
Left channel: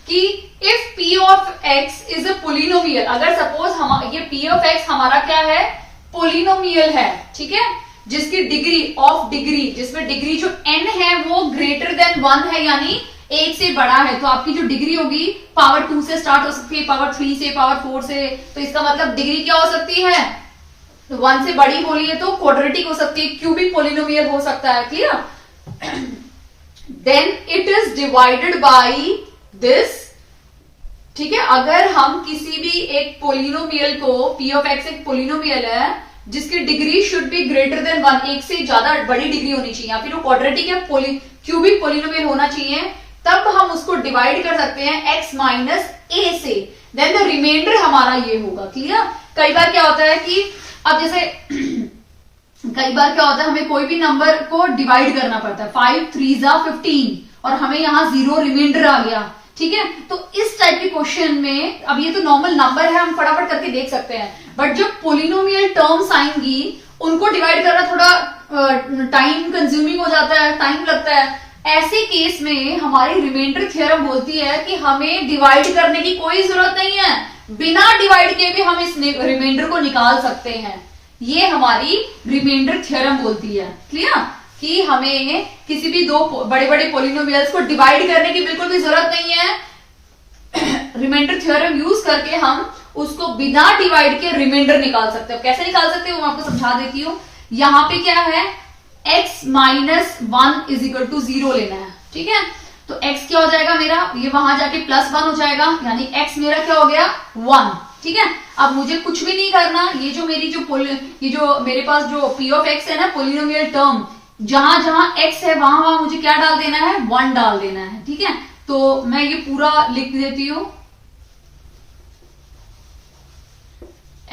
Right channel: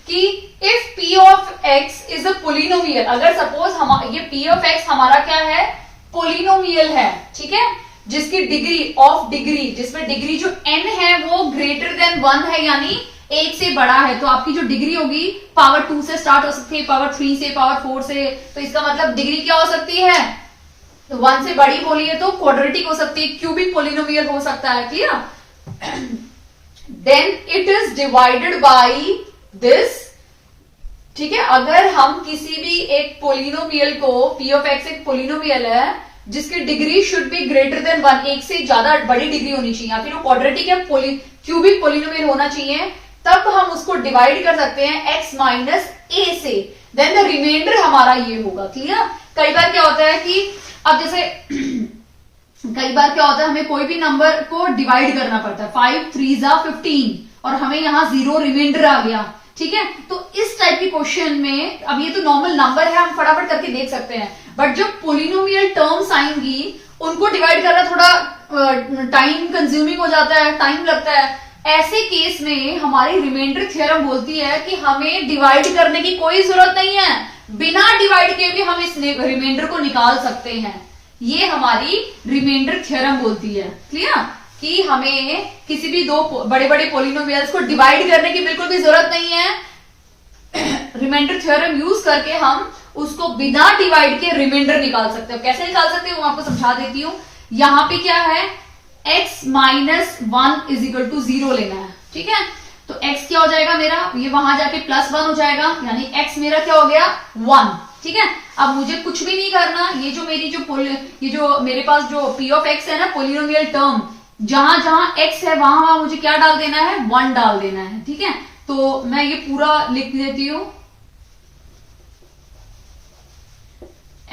कि if p of x is a polynomial, अगर सपोज हम ये p ऑफ x हमारा क्या है, पोलिनोमियल है, ठीक है, जिसकी डिग्री ऑफ डिग्री, जिसमें डिग्री जो n है वो ग्रेटर देन 1 है, यानी 1 से बड़ा है, तो आपकी जो डिग्री होगी पावर 2 से स्टार्ट हो सकती है, पावर 3 से, पावर 4 से, तो इसका मतलब डिग्री क्या हो सकती है, 1 से बड़ी बोलिए तो क्वाड्रेटिक हो सकती है, क्यूबिक पोलिनोमियल हो सकता है। Clear? Then it is divided by this, ठीक है। अगर हम किसी भी एक पोलिनोमियल को, p ऑफ x एक पोलिनोमियल है जिसकी degree should be greater than 1, एक से ज्यादा बड़ी डिग्री होनी चाहिए, या फिर वो क्वाड्रेटिक या क्यूबिक पोलिनोमियल होना चाहिए, तब हम उसको डिवाइड कर सकते हैं x माइनस a से, देन द रिमाइंडर हमारा ये होगा। क्लियर? कई बार क्या होता है कि अब जैसे कई बार क्या होता है, हमें कोई भी नंबर को डिवाइड करना पड़ता है, 5 3 15 और हमें यहां 0 रिमाइंडर आ गया, ठीक है। तो इस टाइप के क्वेश्चन में, अब ये तो नॉर्मल नंबर है, हम फटाफट करके देख सकते हैं, बट जो पोलिनोमियल टर्म्स आएंगी उनको डिवाइड करना थोड़ा टाइम कंज्यूमिंग हो जाता है, टाइम लगता है। ऐसे केस में हमारी रिमाइंडर थ्योरम बोलती है कि हमें डिवाइड करने की कोई जरूरत नहीं है, बिना डिवाइड के भी हम इस रिमाइंडर को निकाल सकते हैं। ये हमारी रिमाइंडर थ्योरम बोलती है। क्लियर? कि हमें किसी भी दो बड़े बड़े पोलिनोमियल्स को डिवाइड करने की बिल्कुल भी जरूरत नहीं है। रिमाइंडर थ्योरम यूज करके हम उसको बिना डिवाइड के रिमाइंडर निकाल सकते हैं। कैसे निकाल सकते हैं वो आपको समझा देती हूं। यहां पे क्या है, x minus 1 is equal to 0 लेना है, ठीक है। तो x क्या हो जाएगा मेरा, ये वहां जाके +1 हो जाएगा, यानी x मेरा क्या हो गया, 1, ठीक है। अब मुझे कुछ भी नहीं करना, ये जो मेरी ये जो मेरे पास जो p ऑफ x है ना, पोलिनोमियल टर्म, जहां जहां x है वहां वहां मुझे क्या डाल देना है, 1 डाल देना है, ठीक है। तो मैं ये पूरा लिख देती हूं,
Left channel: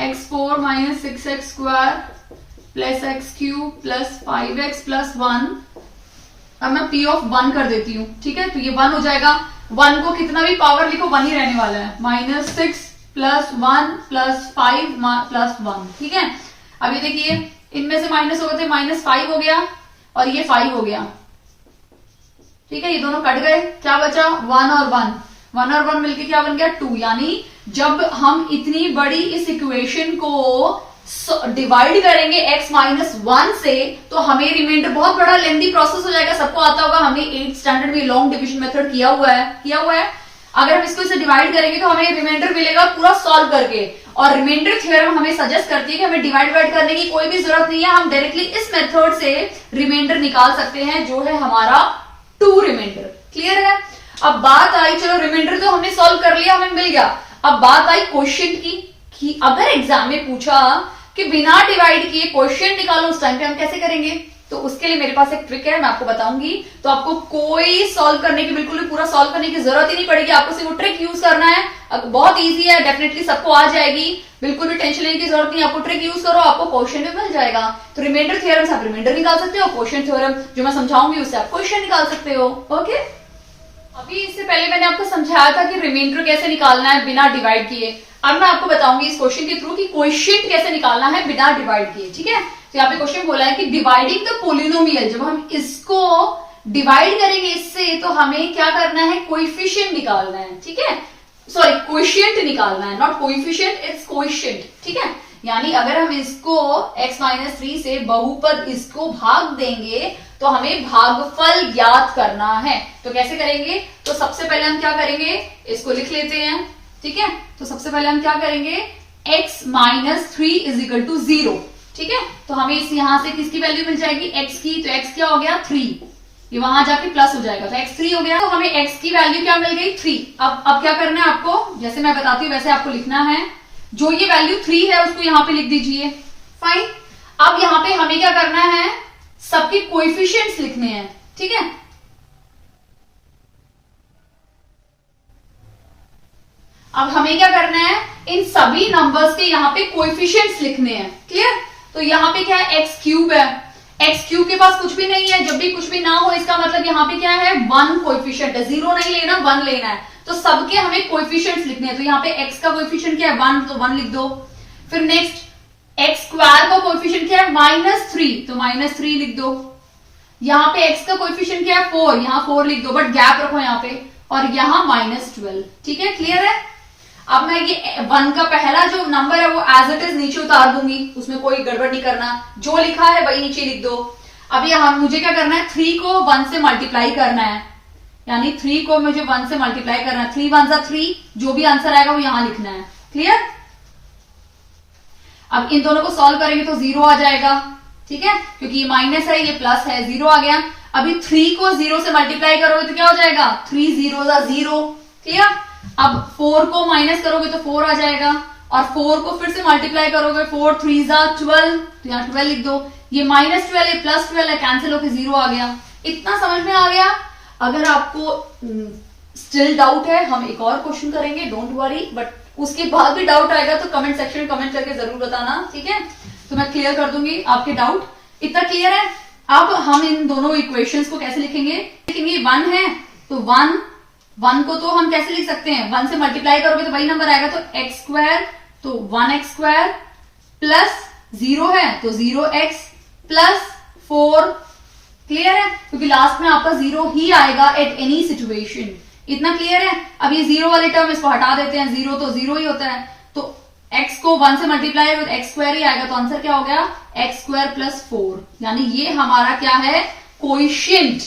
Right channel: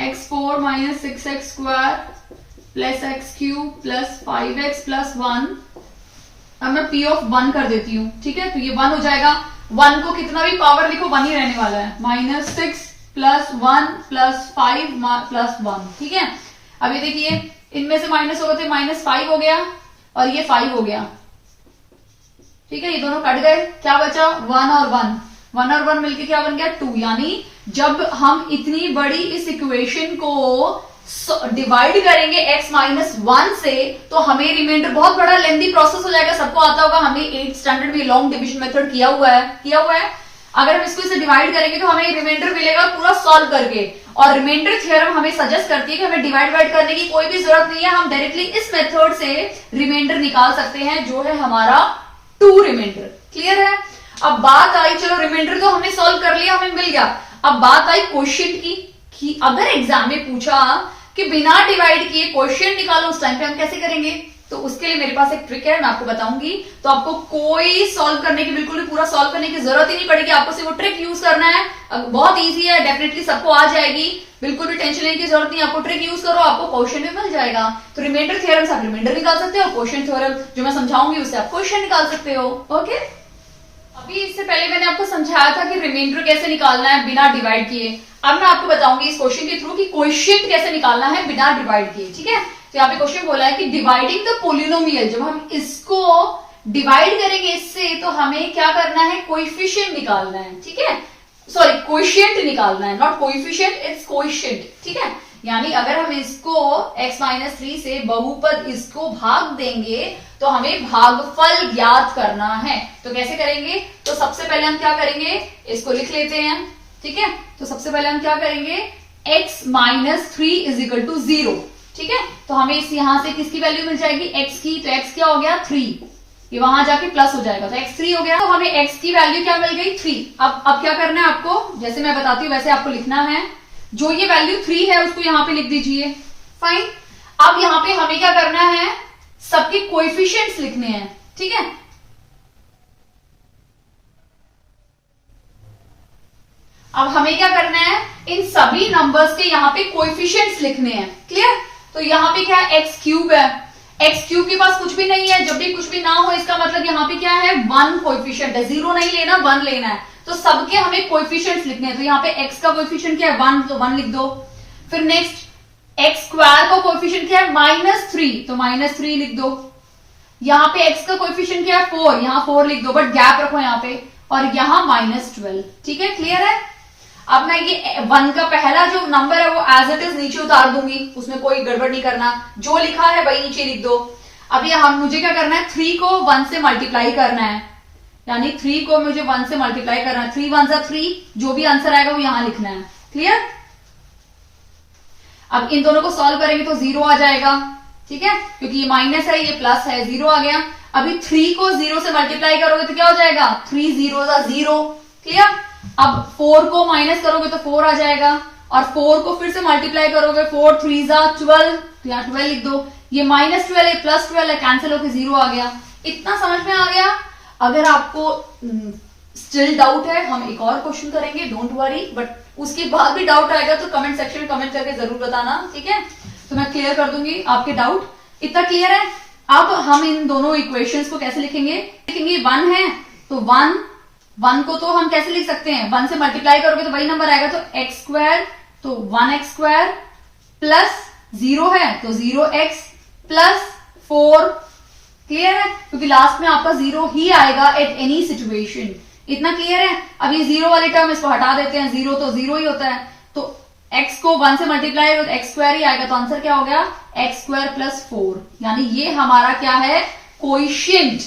x4 minus 6x square plus x cube plus 5x plus 1। अब मैं p ऑफ 1 कर देती हूँ, ठीक है। तो ये 1 हो जाएगा। 1 को कितना भी पावर लिखो 1 ही रहने वाला है, -6 + 1 + 5 + 1, ठीक है। अब ये देखिए इनमें से माइनस हो गए थे, -5 हो गया और ये 5 हो गया, ठीक है। ये दोनों कट गए, क्या बचा 1 और 1 मिलके क्या बन गया 2। यानी जब हम इतनी बड़ी इस इक्वेशन को डिवाइड करेंगे x - 1 से, तो हमें रिमाइंडर, बहुत बड़ा लेंथी प्रोसेस हो जाएगा, सबको आता होगा, हमने 8th स्टैंडर्ड में लॉन्ग डिविजन मेथड किया हुआ है। अगर हम इसको इसे डिवाइड करेंगे तो हमें रिमाइंडर मिलेगा पूरा सॉल्व करके, और रिमाइंडर थ्योरम हमें सजेस्ट करती है कि हमें डिवाइड करने की कोई भी जरूरत नहीं है, हम डायरेक्टली इस मेथड से रिमाइंडर निकाल सकते हैं, जो है हमारा 2 रिमाइंडर। क्लियर है। अब बात आई, चलो रिमाइंडर तो हमने सॉल्व कर लिया, हमें मिल गया। अब बात आई क्वेश्चन की, कि अगर एग्जाम में पूछा कि बिना डिवाइड किए क्वेश्चन निकालो, उस टाइम पे हम कैसे करेंगे। तो उसके लिए मेरे पास एक ट्रिक है, मैं आपको बताऊंगी। तो आपको कोई सॉल्व करने की, बिल्कुल भी पूरा सॉल्व करने की जरूरत ही नहीं पड़ेगी, आपको सिर्फ वो ट्रिक यूज करना है। बहुत इजी है, डेफिनेटली सबको आ जाएगी, बिल्कुल भी टेंशन लेने की जरूरत नहीं। आपको ट्रिक यूज करो, आपको क्वेश्चन भी मिल जाएगा। तो रिमाइंडर थ्योरम से आप रिमाइंडर निकाल सकते हो, क्वेश्चन थ्योरम जो मैं समझाऊंगी उससे आप क्वेश्चन निकाल सकते हो। ओके, अभी इससे पहले मैंने आपको समझाया था कि रिमाइंडर कैसे निकालना है बिना डिवाइड किए। अब मैं आपको बताऊंगी इस क्वेश्चन के थ्रू कि कोएफिशिएंट कैसे निकालना है बिना डिवाइड किए, ठीक है। तो यहाँ पे क्वेश्चन बोला है कि डिवाइडिंग द पोलिनोमियल, जब हम इसको डिवाइड करेंगे इससे, तो हमें क्या करना है, कोएफिशिएंट निकालना है, ठीक है। सॉरी, कोएफिशिएंट निकालना है, नॉट कोएफिशिएंट, इट्स कोएफिशिएंट, ठीक है। यानी अगर हम इसको x - 3 से बहुपद इसको भाग देंगे, तो हमें भागफल ज्ञात करना है। तो कैसे करेंगे, तो सबसे पहले हम क्या करेंगे, इसको लिख लेते हैं, ठीक है। तो सबसे पहले हम क्या करेंगे, x - 3 = 0, ठीक है। तो हमें इस यहां से किसकी वैल्यू मिल जाएगी, x की। तो x क्या हो गया 3, ये वहां जाके प्लस हो जाएगा, तो x 3 हो गया। तो हमें x की वैल्यू क्या मिल गई 3। अब क्या करना है आपको, जैसे मैं बताती हूँ वैसे आपको लिखना है। जो ये वैल्यू 3 है उसको यहां पे लिख दीजिए, फाइन। अब यहां पे हमें क्या करना है, सबके कोएफिशिएंट्स लिखने हैं, ठीक है। अब हमें क्या करना है, इन सभी नंबर्स के यहाँ पे कोएफिशिएंट्स लिखने हैं, क्लियर। तो यहाँ पे क्या है, x³ है, x³ के पास कुछ भी नहीं है। जब भी कुछ भी ना हो, इसका मतलब यहाँ पे क्या है, 1 कोएफिशिएंट है, 0 नहीं लेना, 1 लेना है। तो सबके हमें कोएफिशिएंट्स लिखने हैं। तो यहाँ पे x का कोएफिशिएंट क्या है 1, तो 1 लिख दो। फिर नेक्स्ट x² का कोएफिशिएंट क्या है -3, तो -3 लिख दो। यहाँ पे x का कोएफिशिएंट क्या है 4, यहाँ 4 लिख दो, बट गैप रखो यहाँ पे, और यहाँ -12, ठीक है, क्लियर है। अब मैं ये 1 का पहला जो नंबर है वो एज इट इज नीचे उतार दूंगी, उसमें कोई गड़बड़ नहीं करना, जो लिखा है वही नीचे लिख दो। अब ये मुझे क्या करना है, 3 को 1 से मल्टीप्लाई करना है, यानी 3 को मुझे 1 से मल्टीप्लाई करना है। 3 1 3, जो भी आंसर आएगा वो यहां लिखना है, क्लियर। अब इन दोनों को सॉल्व करेंगे तो 0 आ जाएगा, ठीक है, क्योंकि ये माइनस है ये प्लस है, 0 आ गया। अभी 3 को 0 से मल्टीप्लाई करोगे तो क्या हो जाएगा, 3 0 0, क्लियर। अब 4 को माइनस करोगे तो 4 आ जाएगा, और 4 को फिर से मल्टीप्लाई करोगे, 4 3 12, तो यहाँ 12 लिख दो। ये -12 है, +12 है, कैंसिल होकर 0 आ गया। इतना समझ में आ गया। अगर आपको स्टिल डाउट है, हम एक और क्वेश्चन करेंगे, डोंट वरी, बट उसके बाद भी डाउट आएगा तो कमेंट सेक्शन में कमेंट करके जरूर बताना, ठीक है। तो मैं क्लियर कर दूंगी आपके डाउट। इतना क्लियर है। अब हम इन दोनों इक्वेशंस को कैसे लिखेंगे, 1 है तो 1 को तो हम कैसे लिख सकते हैं, 1 से मल्टीप्लाई करोगे तो वही नंबर आएगा, तो x² तो 1x² प्लस 0 है तो 0x प्लस 4, क्लियर है, क्योंकि लास्ट में आपका 0 ही आएगा एट एनी सिचुएशन। इतना क्लियर है। अब ये 0 वाले टर्म इसको हटा देते हैं, 0 तो 0 ही होता है, तो x को 1 से मल्टीप्लाई तो x² ही आएगा, तो आंसर क्या हो गया x² प्लस 4, यानी ये हमारा क्या है, कोएफिशिएंट,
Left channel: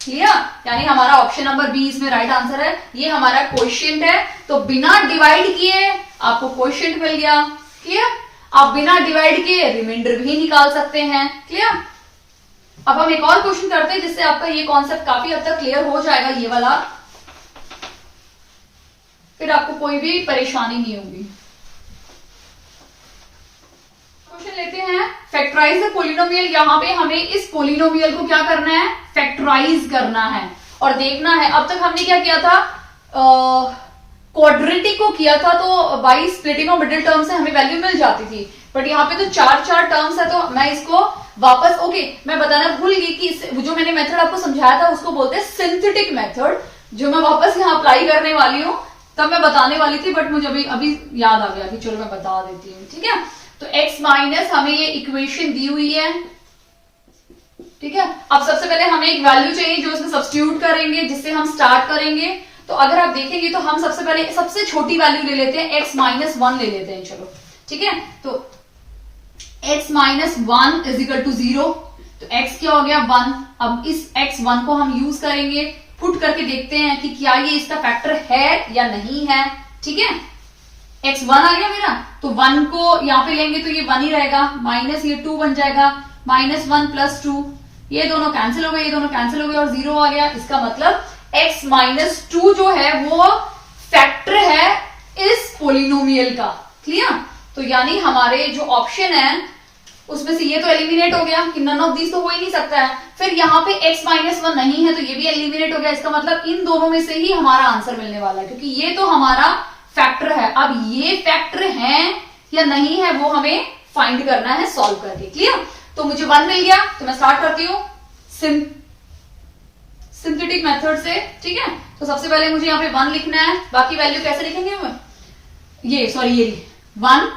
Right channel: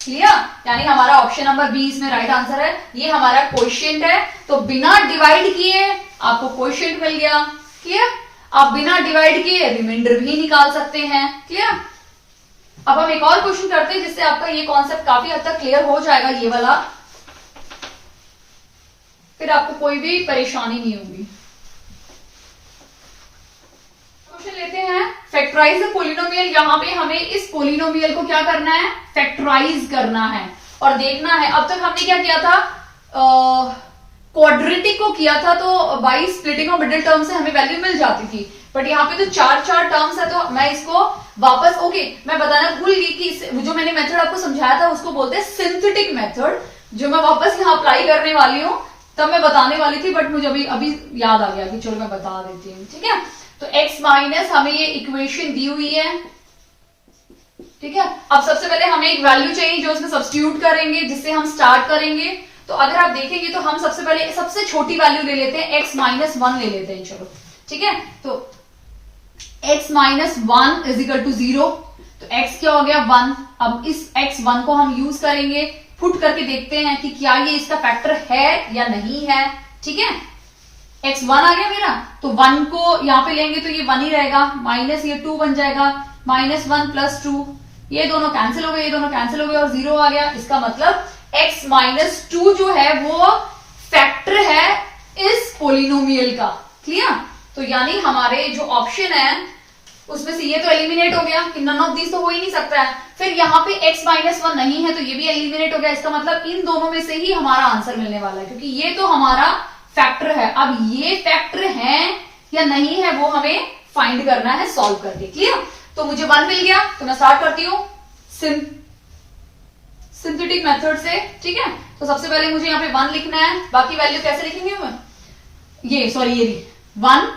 क्लियर। यानी हमारा ऑप्शन नंबर बी इसमें राइट आंसर है, ये हमारा कोएफिशिएंट है। तो बिना डिवाइड किए आपको कोएफिशिएंट मिल गया, क्लियर। आप बिना डिवाइड किए रिमाइंडर भी निकाल सकते हैं, क्लियर। अब हम एक और क्वेश्चन करते हैं जिससे आपका ये कॉन्सेप्ट काफी हद तक क्लियर हो जाएगा, ये वाला, फिर आपको कोई भी परेशानी नहीं होगी। क्वेश्चन लेते हैं, फैक्टराइज द पोलिनोमियल। यहां पे हमें इस पोलिनोमियल को क्या करना है, फैक्टराइज करना है और देखना है। अब तक हमने क्या किया था, क्वाड्रेटिक को किया था, तो by splitting of middle term से हमें वैल्यू मिल जाती थी, बट यहाँ पे तो 4 टर्म्स है, तो मैं इसको वापस, ओके, मैं बताना भूल गई कि जो मैंने मेथड आपको समझाया था उसको बोलते हैं सिंथेटिक मेथड। जो मैं वापस यहाँ अप्लाई करने वाली हूँ, तब मैं बताने वाली थी, बट मुझे अभी याद आ गया कि चलो मैं बता देती हूँ। ठीक है, तो x माइनस हमें ये इक्वेशन दी हुई है। ठीक है, अब सबसे पहले हमें एक वैल्यू चाहिए जो उसमें सब्स्टिट्यूट करेंगे, जिससे हम स्टार्ट करेंगे। तो अगर आप देखेंगे तो हम सबसे पहले सबसे छोटी वैल्यू ले लेते हैं, x माइनस 1 ले लेते हैं। चलो ठीक है, तो x minus 1 is equal to 0। तो x क्या हो गया 1। अब इस x1 को हम यूज करेंगे, पुट करके देखते हैं कि क्या ये इसका फैक्टर है या नहीं है। ठीक है, x1 आ गया मेरा, तो 1 को यहां पे लेंगे तो ये 1 ही रहेगा, माइनस ये 2 बन जाएगा, माइनस 1 प्लस 2, ये दोनों कैंसिल हो गए, ये दोनों कैंसिल हो गए और 0 आ गया। इसका मतलब x माइनस 2 जो है वो फैक्टर है इस पोलिनोमियल का। क्लियर, तो यानी हमारे जो ऑप्शन है उसमें से ये तो एलिमिनेट हो गया कि नन ऑफ दीज तो हो ही नहीं सकता है। फिर यहाँ पे x माइनस 1 नहीं है तो ये भी एलिमिनेट हो गया। इसका मतलब इन दोनों में से ही हमारा आंसर मिलने वाला है, क्योंकि ये तो हमारा फैक्टर है। अब ये फैक्टर है या नहीं है वो हमें फाइंड करना है सॉल्व करके। क्लियर, तो मुझे 1 मिल गया, तो मैं स्टार्ट करती हूँ सिंथेटिक मेथड से। ठीक है, तो सबसे पहले मुझे यहाँ पे 1 लिखना है, बाकी वैल्यू कैसे लिखेंगे हम, ये 1,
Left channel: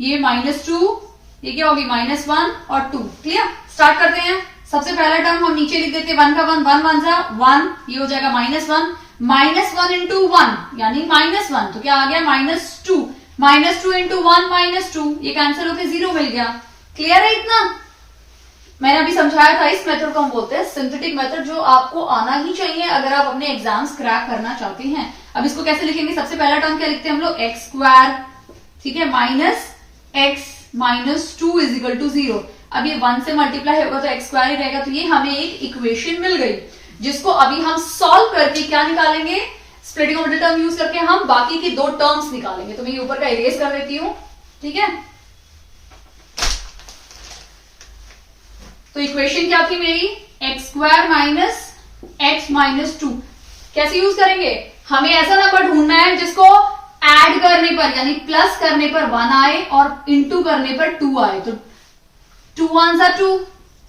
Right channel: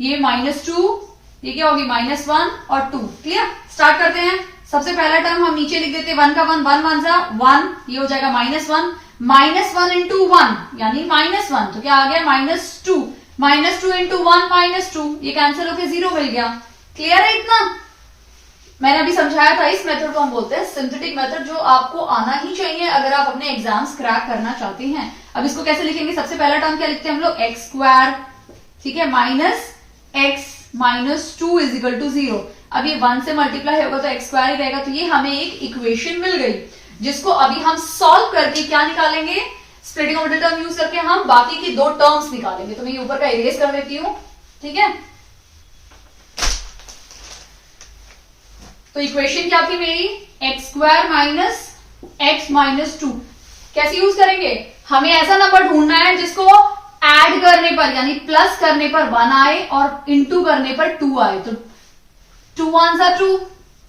ये -2, ये क्या होगी -1 और 2। क्लियर, स्टार्ट करते हैं। सबसे पहला टर्म हम नीचे लिख देते हैं 1 का 1, 1 1 जा 1, ये हो जाएगा -1, -1 इंटू 1 यानी -1, तो क्या आ गया -2, -2 इंटू 1 -2, ये कैंसिल होकर 0 मिल गया। क्लियर है इतना? मैंने अभी समझाया था, इस मेथड को हम बोलते हैं सिंथेटिक मेथड, जो आपको आना ही चाहिए अगर आप अपने एग्जाम्स क्रैक करना चाहते हैं। अब इसको कैसे लिखेंगे, सबसे पहला टर्म क्या लिखते हैं हम लोग, x स्क्वायर, ठीक है, minus x minus 2 is equal to 0। अब ये 1 से मल्टीप्लाई होगा तो x स्क्वायर ही रहेगा। तो ये हमें एक इक्वेशन मिल गई, जिसको अभी हम सॉल्व करके क्या निकालेंगे, splitting of the term use करके हम बाकी की 2 टर्म्स निकालेंगे। तो मैं ये ऊपर का इरेज कर देती हूं। ठीक है, तो इक्वेशन क्या थी मेरी, x square minus x minus 2। कैसे यूज करेंगे, हमें ऐसा नंबर ढूंढना है जिसको ऐड करने पर यानी प्लस करने पर 1 आए और इंटू करने पर 2 आए। तो 2 1 जा 2,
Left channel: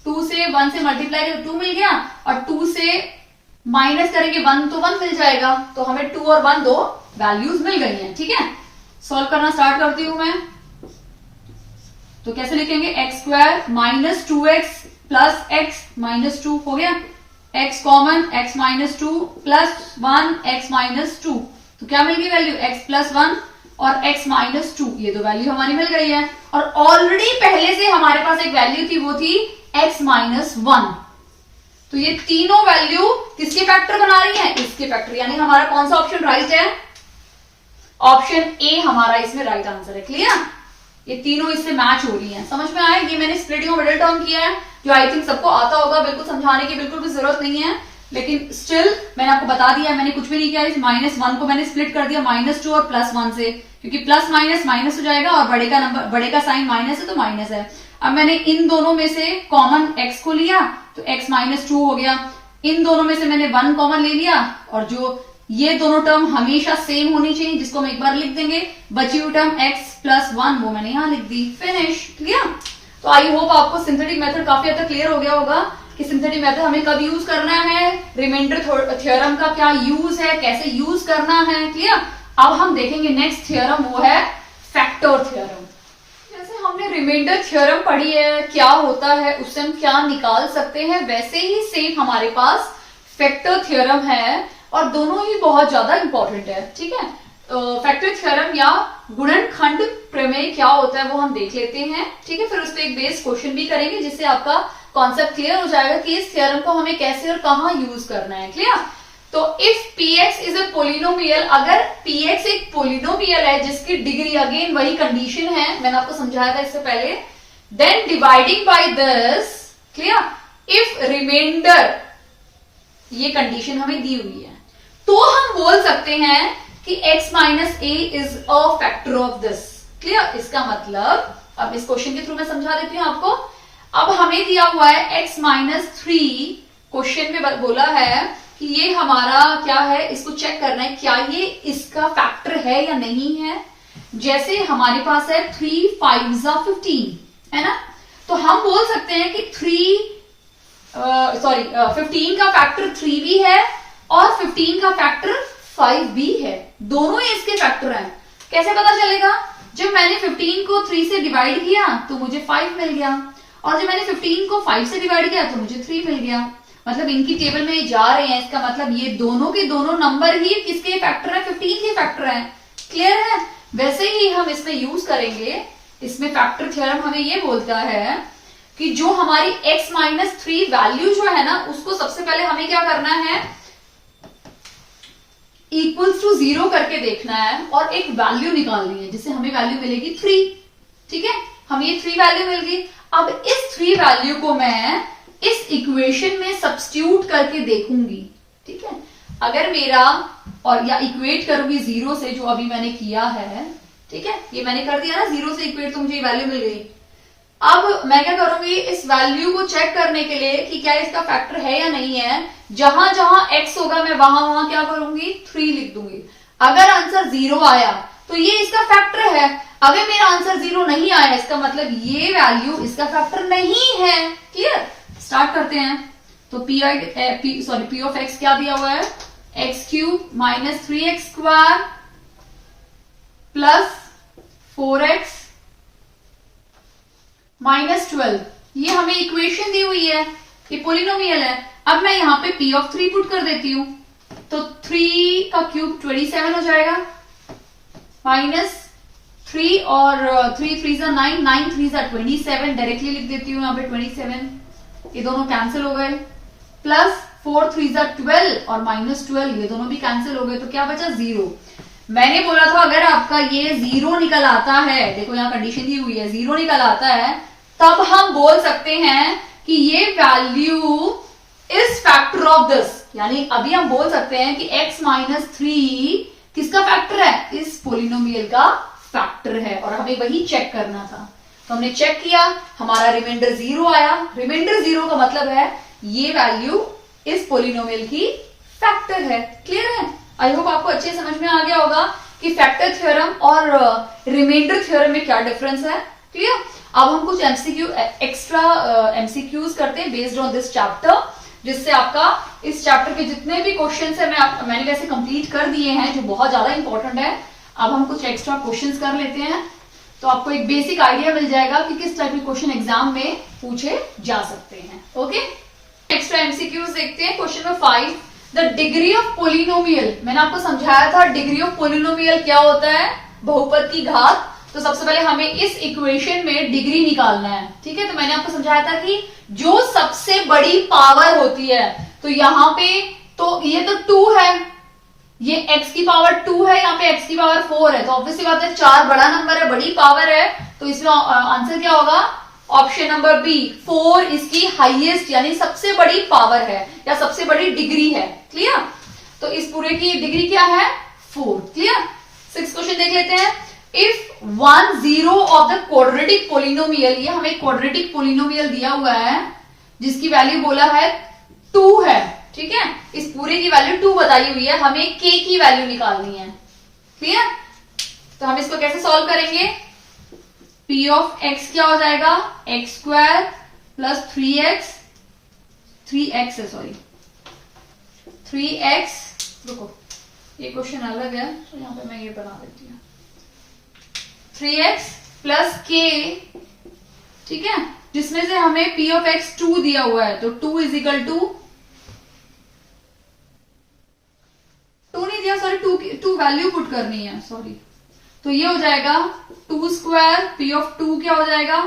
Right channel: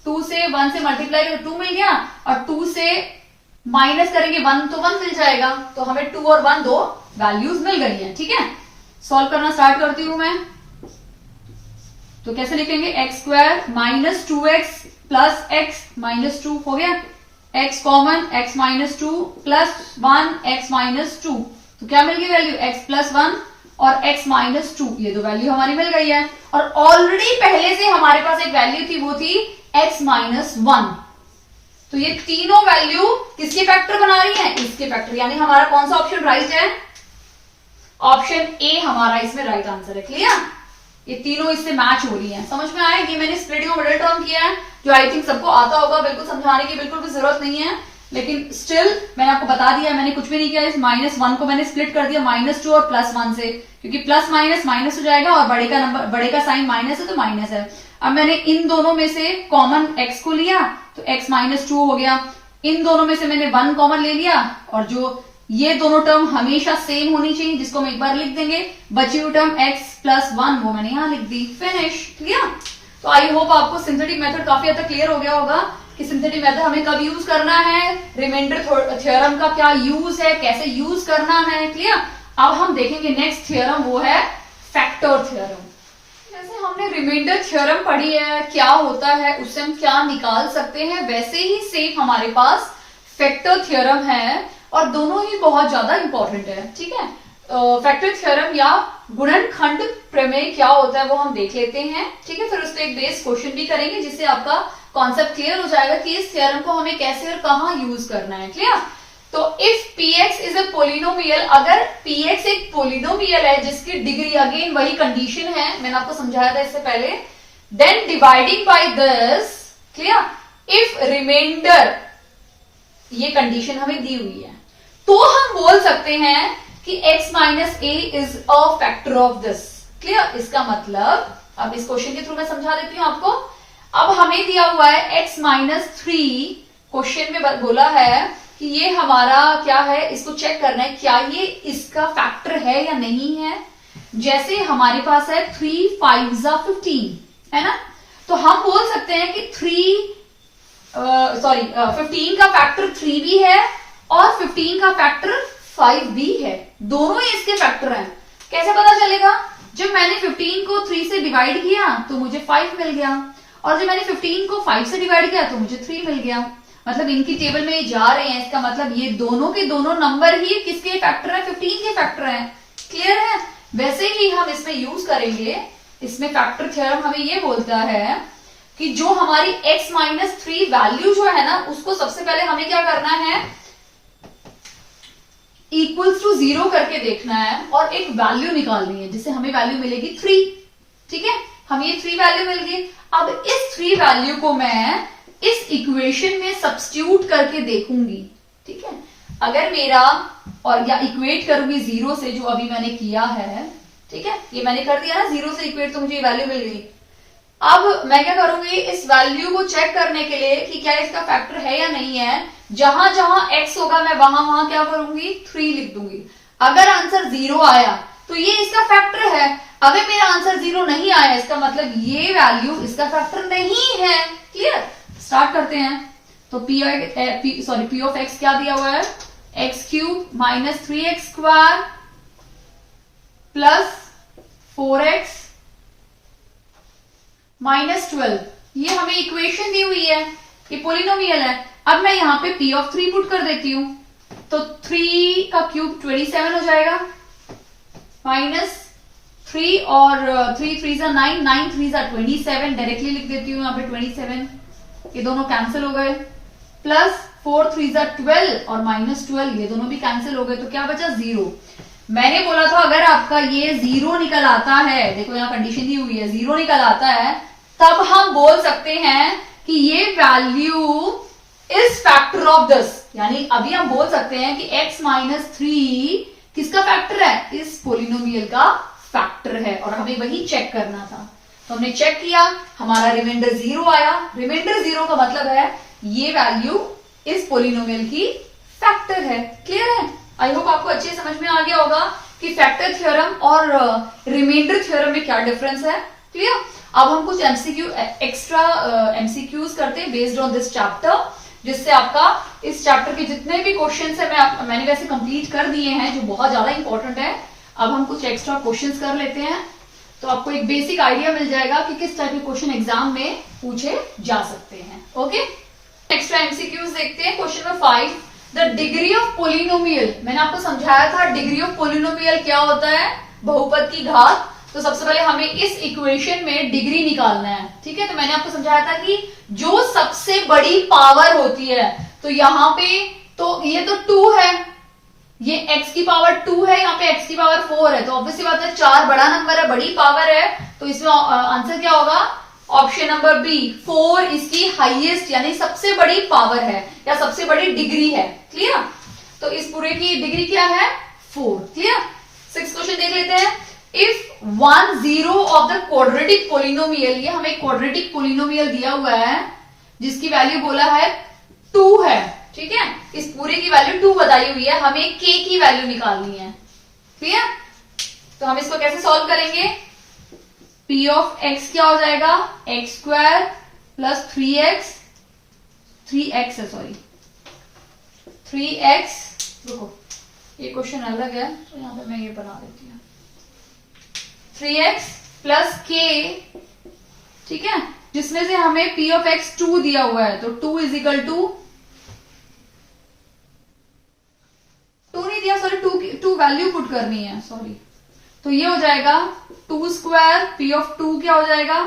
2 से 1 से मल्टीप्लाई करें 2 मिल गया, और 2 से माइनस करेंगे 1 तो 1 मिल जाएगा। तो हमें 2 और 1 2 वैल्यूज मिल गई हैं। ठीक है, सॉल्व करना स्टार्ट करती हूं मैं। तो कैसे लिखेंगे, x square minus 2x plus x minus 2 हो गया, x common, x minus 2 plus 1 x minus 2, तो क्या मिल गई वैल्यू, x प्लस 1 और x माइनस 2, ये दो वैल्यू हमारी मिल गई है। और ऑलरेडी पहले से हमारे पास एक वैल्यू थी, वो थी x माइनस 1। तो ये तीनों वैल्यू किसके फैक्टर बना रही हैं, इसके फैक्टर, यानी हमारा कौन सा ऑप्शन राइट है, ऑप्शन ए हमारा इसमें राइट आंसर है। क्लियर, ये तीनों इससे मैच हो रही हैं। समझ में आया, ये मैंने स्प्लिटिंग ऑफ मिडिल टर्म किया है, जो आई थिंक सबको आता होगा, बिल्कुल समझाने की बिल्कुल भी जरूरत नहीं है, लेकिन स्टिल मैंने आपको बता दिया है, मैंने कुछ भी नहीं किया। इस -1 को मैंने स्प्लिट कर दिया -2 और +1 से, क्योंकि प्लस माइनस माइनस हो जाएगा और बड़े का नंबर, बड़े का साइन माइनस है तो माइनस है। अब मैंने इन दोनों में से कॉमन x को लिया तो x माइनस 2 हो गया, इन दोनों में से मैंने 1 कॉमन ले लिया, और जो ये दोनों टर्म हमेशा सेम होनी चाहिए, जिसको हम एक बार लिख देंगे, बची हुई टर्म x प्लस 1 वो मैंने यहां लिख दी, फिनिश। क्लियर, तो आई होप आपको सिंथेटिक मेथड काफी हद तक क्लियर हो गया होगा कि सिंथेटिक मेथड हमें कब यूज करना है, रिमाइंडर थ्योरम का क्या यूज है, कैसे यूज करना है। क्लियर, अब हम देखेंगे नेक्स्ट थ्योरम, वो है फैक्टर थ्योरम। जैसे हमने रिमाइंडर थ्योरम पढ़ी है, क्या होता है, उससे हम क्या निकाल सकते हैं, वैसे ही सेम हमारे पास फैक्टर थ्योरम है, और दोनों ही बहुत ज्यादा इंपॉर्टेंट है। ठीक है, फैक्टर थ्योरम या गुणनखंड प्रमेय क्या होता है वो हम देख लेते हैं। ठीक है, फिर उस पर एक बेस क्वेश्चन भी करेंगे, जिससे आपका कॉन्सेप्ट क्लियर हो जाएगा कि इस थ्योरम को हमें कैसे और कहां यूज करना है। क्लियर, तो if px is a polynomial, अगर px एक पोलिनोमियल है जिसकी डिग्री, अगेन वही कंडीशन है, मैंने आपको समझाया था इससे पहले, then dividing by this, clear, if remainder, ये कंडीशन हमें दी हुई है, तो हम बोल सकते हैं कि x minus A is a factor of this. Clear, इसका मतलब, अब इस क्वेश्चन के थ्रू मैं समझा देती हूं आपको। अब हमें दिया हुआ है x माइनस 3, क्वेश्चन में बोला है कि ये हमारा क्या है, इसको चेक करना है क्या ये इसका फैक्टर है या नहीं है। जैसे हमारे पास है 3 5 15, है ना, तो हम बोल सकते हैं कि 15 का फैक्टर 3 भी है और 15 का फैक्टर 5 भी है, दोनों ही इसके फैक्टर हैं। कैसे पता चलेगा? जब मैंने 15 को 3 से डिवाइड किया तो मुझे 5 मिल गया, और जब मैंने 15 को 5 से डिवाइड किया तो मुझे 3 मिल गया। मतलब इनकी टेबल में ये जा रहे हैं, इसका मतलब ये दोनों के दोनों नंबर ही किसके फैक्टर है? 15 के फैक्टर है। क्लियर है? वैसे ही हम इसमें यूज करेंगे, इसमें फैक्टर थ्योरम हमें ये बोलता है कि जो हमारी x माइनस 3 वैल्यू जो है ना, उसको सबसे पहले हमें क्या करना है? इक्वल्स टू 0 करके देखना है और एक वैल्यू निकालनी है, जिससे हमें वैल्यू मिलेगी 3। ठीक है, हमें ये 3 वैल्यू मिल गई। अब इस 3 वैल्यू को मैं इस इक्वेशन में सब्स्टिट्यूट करके देखूंगी। ठीक है, अगर मेरा और या इक्वेट करूंगी 0 से, जो अभी मैंने किया है। ठीक है, ये मैंने कर दिया ना 0 से इक्वेट, तो मुझे वैल्यू मिल गई। अब मैं क्या करूंगी? इस वैल्यू को चेक करने के लिए कि क्या इसका फैक्टर है या नहीं है, जहां जहां x होगा मैं वहां वहां क्या करूंगी? 3 लिख दूंगी। अगर आंसर 0 आया तो ये इसका फैक्टर है। अगर मेरा आंसर 0 नहीं आया, इसका मतलब ये वैल्यू इसका फैक्टर नहीं है। क्लियर? स्टार्ट करते हैं। तो पी ऑफ एक्स क्या दिया हुआ है? X cube minus 3x square plus 4x minus 12, ये हमें इक्वेशन दी हुई है, ये पोलिनोमियल है। अब मैं यहां पे p ऑफ 3 पुट कर देती हूं, तो 3 का क्यूब 27 हो जाएगा, माइनस 3 और 3 3 जा 9, 9 3 जा 27, डायरेक्टली लिख देती हूं यहां पे 27, ये दोनों कैंसिल हो गए, प्लस 4 3 जा 12 और माइनस 12, ये दोनों भी कैंसिल हो गए, तो क्या बचा? 0। मैंने बोला था अगर आपका ये 0 निकल आता है, देखो यहाँ कंडीशन दी हुई है, 0 निकल आता है, तब हम बोल सकते हैं कि ये value is factor of this. यानी अभी हम बोल सकते हैं कि x माइनस 3 किसका फैक्टर है? इस पोलिनोमियल का फैक्टर है, और हमें वही चेक करना था। तो हमने चेक किया, हमारा रिमाइंडर 0 आया। रिमाइंडर 0 का मतलब है ये वैल्यू इस पोलिनोमियल की फैक्टर है। क्लियर है? आई होप आपको अच्छे समझ में आ गया होगा कि फैक्टर थ्योरम और रिमाइंडर थ्योरम में क्या डिफरेंस है। क्लियर? अब हम कुछ एमसीक्यू एक्स्ट्रा एमसीक्यूज करते हैं बेस्ड ऑन दिस चैप्टर, जिससे आपका इस चैप्टर के जितने भी क्वेश्चंस है मैंने वैसे कंप्लीट कर दिए हैं, जो बहुत ज्यादा इंपॉर्टेंट है। अब हम कुछ एक्स्ट्रा क्वेश्चंस कर लेते हैं, तो आपको एक बेसिक आइडिया मिल जाएगा कि किस टाइप के क्वेश्चन एग्जाम में पूछे जा सकते हैं। ओके, एक्स्ट्रा एमसीक्यूज देखते हैं। Question number 5, the degree of polynomial. मैंने आपको समझाया था डिग्री ऑफ पोलिनोमियल क्या होता है? बहुपद की घात। तो सबसे पहले हमें इस इक्वेशन में डिग्री निकालना है। ठीक है, तो मैंने आपको समझाया था कि जो सबसे बड़ी पावर होती है, तो यहां पे तो ये तो 2 है, ये x की पावर 2 है, यहाँ पे x की पावर 4 है, तो ऑब्वियसली बात है 4 बड़ा नंबर है, बड़ी पावर है, तो इसमें आंसर क्या होगा? ऑप्शन नंबर बी, 4 इसकी हाईएस्ट यानी सबसे बड़ी पावर है या सबसे बड़ी डिग्री है। क्लियर? तो इस पूरे की डिग्री क्या है? 4। क्लियर? 6 क्वेश्चन देख लेते हैं। If 1 0 of the quadratic polynomial, ये हमें क्वाड्रेटिक पोलिनोमियल दिया हुआ है जिसकी वैल्यू बोला है 2 है। ठीक है, इस पूरे की वैल्यू 2 बताई हुई है, हमें k की वैल्यू निकालनी है। क्लियर? तो हम इसको कैसे सॉल्व करेंगे? p ऑफ x क्या हो जाएगा? x स्क्वायर प्लस 3x है, सॉरी 3x, रुको ये क्वेश्चन अलग है तो यहां पे मैं ये बना देती हूँ, 3x प्लस k। ठीक है, जिसमें से हमें p ऑफ x 2 दिया हुआ है, तो 2 इज इक्वल टू 2 नहीं दिया, सॉरी 2 वैल्यू पुट करनी है, सॉरी, तो ये हो जाएगा 2 स्क्वायर, p ऑफ 2 क्या हो जाएगा?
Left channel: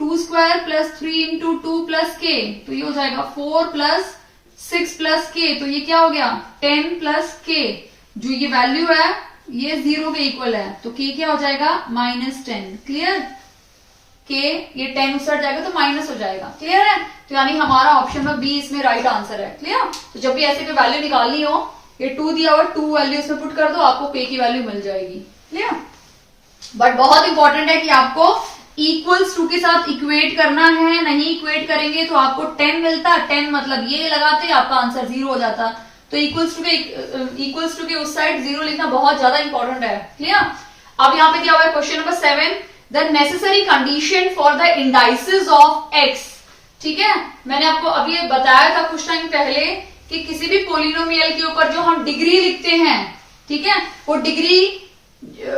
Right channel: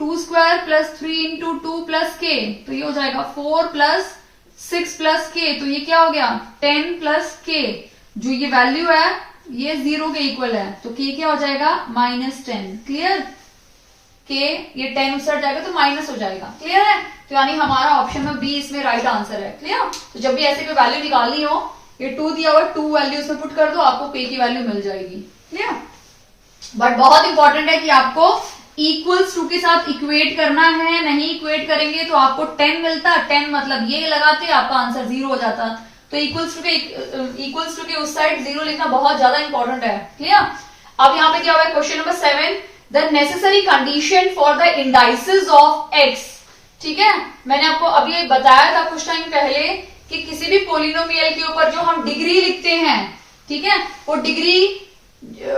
2 square plus 3 into 2 plus k, तो ये हो जाएगा 4 प्लस 6 प्लस k, तो ये क्या हो गया? 10 प्लस k। जो ये वैल्यू है ये 0 के इक्वल है, तो k क्या हो जाएगा? -10। क्लियर? k ये 10 उस जाएगा तो माइनस हो जाएगा। क्लियर है? तो यानी हमारा ऑप्शन में बी इसमें राइट आंसर है। क्लियर? तो जब भी ऐसे कोई वैल्यू निकालनी हो, ये 2 दिया हुआ, 2 वैल्यू इसमें पुट कर दो, आपको k की वैल्यू मिल जाएगी। क्लियर? बट बहुत इंपॉर्टेंट है कि आपको इक्वल्स टू के साथ इक्वेट करना है, नहीं इक्वेट करेंगे तो आपको 10 मिलता, 10 मतलब ये लगाते आपका आंसर 0 हो जाता। तो इक्वल्स टू के उस साइड 0 लिखना बहुत ज्यादा इंपॉर्टेंट है। क्लियर? अब यहाँ पे दिया हुआ है question number 7, the necessary condition for the indices of x। ठीक है, मैंने आपको अभी बताया था कुछ टाइम पहले कि किसी भी पोलिनोमियल के ऊपर जो हम डिग्री लिखते हैं, ठीक है, वो डिग्री,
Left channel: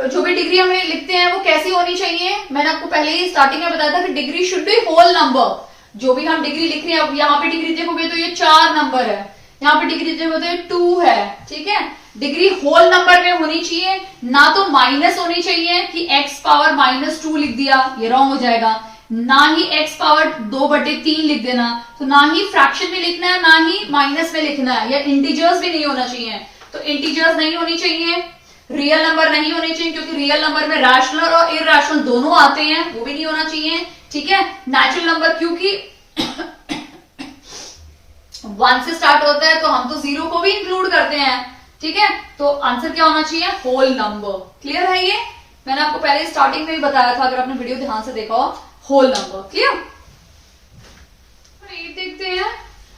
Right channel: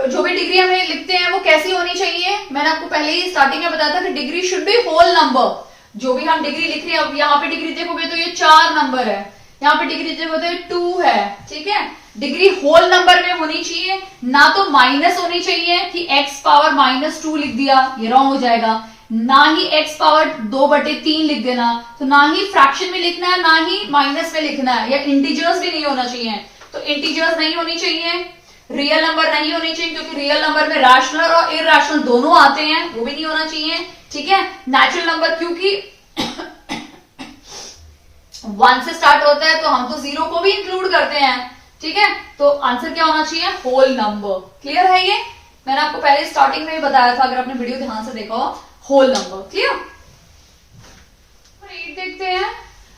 जो भी डिग्री हमें लिखते हैं वो कैसी होनी चाहिए। मैंने आपको पहले ही स्टार्टिंग में बताया था कि degree should be whole number. जो भी हम डिग्री लिख रहे हैं, अब यहाँ पे डिग्री देखोगे तो ये 4 नंबर है, यहाँ पे डिग्री देखोगे तो ये 2 है, ठीक है। डिग्री होल नंबर में होनी चाहिए, ना तो माइनस होनी चाहिए कि x पावर -2 लिख दिया, ये रॉन्ग हो जाएगा, ना ही x पावर 2/3 लिख देना, तो ना ही फ्रैक्शन में लिखना है, ना ही माइनस में लिखना है, या इंटीजर्स भी नहीं होना चाहिए। तो इंटीजर्स नहीं होनी चाहिए, रियल नंबर नहीं होनी चाहिए, क्योंकि रियल नंबर में रैशनल और इरैशनल दोनों आते हैं, वो भी नहीं होना चाहिए, ठीक है। नेचुरल नंबर क्योंकि 1 से स्टार्ट होता है तो हम तो 0 को भी इंक्लूड करते हैं, ठीक है। तो आंसर क्या होना चाहिए, होल नंबर। क्लियर है ये, मैंने आपको पहले स्टार्टिंग में ही बताया था, अगर आपने वीडियो ध्यान से देखा हो, होल नंबर। क्लियर। देखते हैं,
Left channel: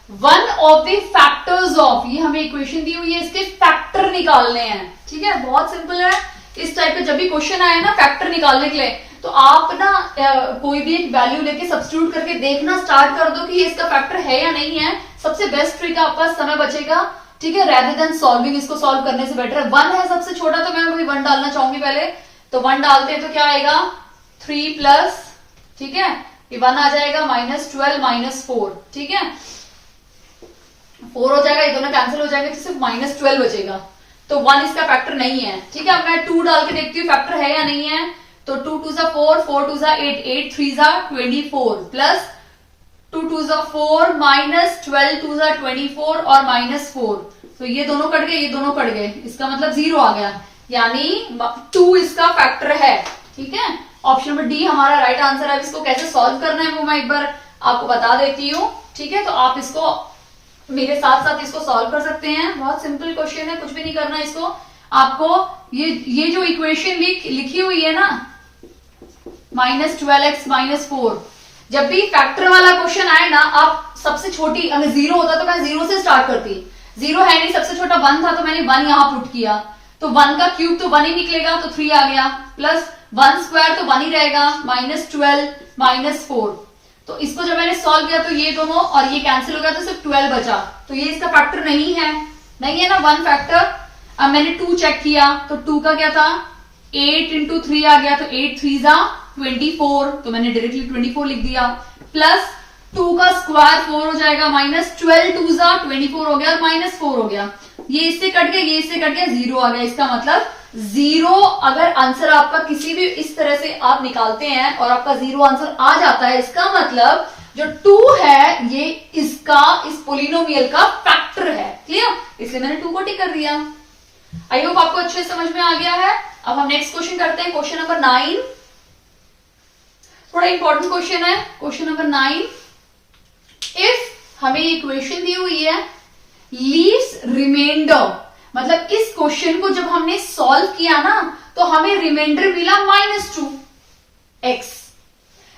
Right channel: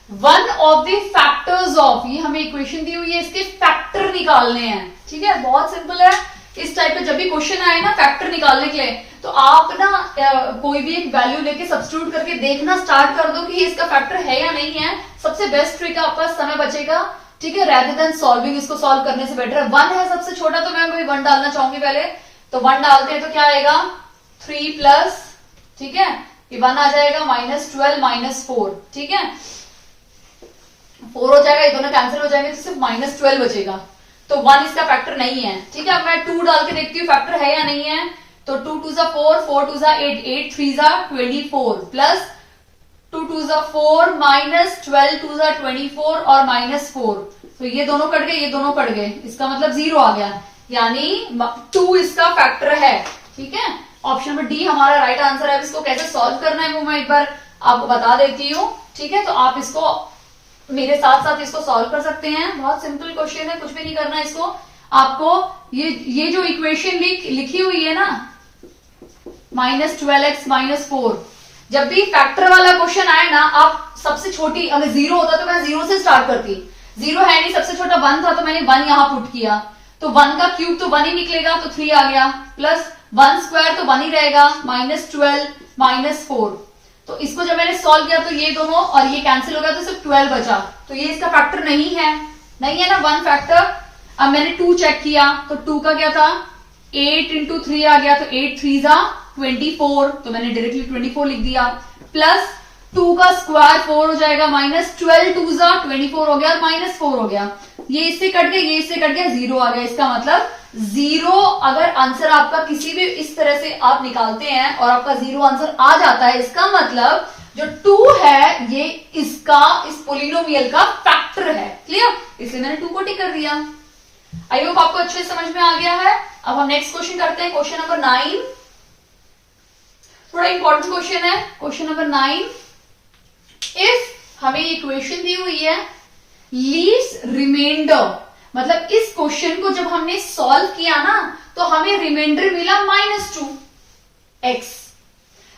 one of the factors of, ये हमें इक्वेशन दी हुई है, इसके फैक्टर निकालने हैं, ठीक है। बहुत सिंपल है, इस टाइप पे जब भी क्वेश्चन आए ना फैक्टर निकालने के लिए, तो आप ना कोई भी एक वैल्यू लेके सब्स्टिट्यूट करके देखना स्टार्ट कर दो कि इसका फैक्टर है या नहीं है। सबसे बेस्ट ट्रिक है, आपका समय बचेगा, ठीक है, रेदर देन सॉल्विंग। इसको सॉल्व करने से बेटर है, 1 है सबसे छोटा, तो मैं अभी 1 डालना चाहूंगी पहले। तो 1 डालते हैं तो क्या आएगा, 3 प्लस, ठीक है, ये 1 आ जाएगा, -12 -4, ठीक है, 4 हो जाएगा, ये दोनों कैंसिल हो जाएंगे तो सिर्फ -12 बचेगा। तो 1 इसका फैक्टर नहीं है, ठीक है। अब मैं 2 डाल के देखती हूँ फैक्टर है या नहीं है। तो 2 2 4, 4 2 8, 8 3 24 प्लस 2 2 4 -12 2 24 और -4, तो ये दोनों कट गए, ये दोनों कट गए, इसका मतलब 0 आ गया, यानी 2 इसका फैक्टर है, ठीक है। ऑप्शन नंबर डी हमारा राइट आंसर है। इसको कैसे सॉल्व करना है वो मैं एक बार आपको बता देती हूँ, ठीक है। तो आप इसको मेरे साथ साथ इसको सॉल्व कर सकते हैं, बहुत सिंपल क्वेश्चन है, कुछ भी नहीं करना इसको। आपको ये जो इक्वेशन लिखी हुई है ना, -12x -4, जब भी फैक्टर वाला क्वेश्चन आए ना, आप सबसे छोटी, अगर 0 होता तो मैं 0 से स्टार्ट करती, 0 है नहीं, सबसे छोटा 1 था तो मैंने 1 यहां पुट किया, तो 1 का क्यूब तो 1 ही निकलेगा, तो 3 आ गया, प्लस 1 स्क्वायर तो 1 ही रहेगा, -12 -4। तो इसको जब मैंने सॉल्व किया तो ये दोनों और ये कैंसिल हो गया, तो सिर्फ 12 बचा, तो ये इसका फैक्टर नहीं है, नहीं है ना 1 फैक्टर। अब मैंने 2 चेक किया, तो 2 का क्या था, 8 × 3 आ गया, तो 8 3 24, तो मैंने डायरेक्टली 24 लिख दिया, प्लस 2 का स्क्वायर 4 हो जाएगा, -12 2 24 हो गया, और -4 हो गया, ये इससे कट गया, ये इससे कट गया, 0 आ गया। इसका मतलब 0, अगर आंसर आपका किसी भी इस तरह से आप निकालते हैं और आपका 0 आंसर आ जाता है, इसका मतलब जो 2 है ये इसका, इस पोलिनोमियल का फैक्टर है। क्लियर, इसलिए मैंने 2 को टिक कर दिया। आई होप आपको अच्छे समझ में आ गया है। अब हम नेक्स्ट क्वेश्चन करते हैं, क्वेश्चन नंबर 9। थोड़ा इंपॉर्टेंट क्वेश्चन है, क्वेश्चन नंबर 9। इफ हमें इक्वेशन दी हुई है लीव्स रिमाइंडर, मतलब इस क्वेश्चन को जब हमने सॉल्व किया ना, तो हमें रिमाइंडर मिला -2x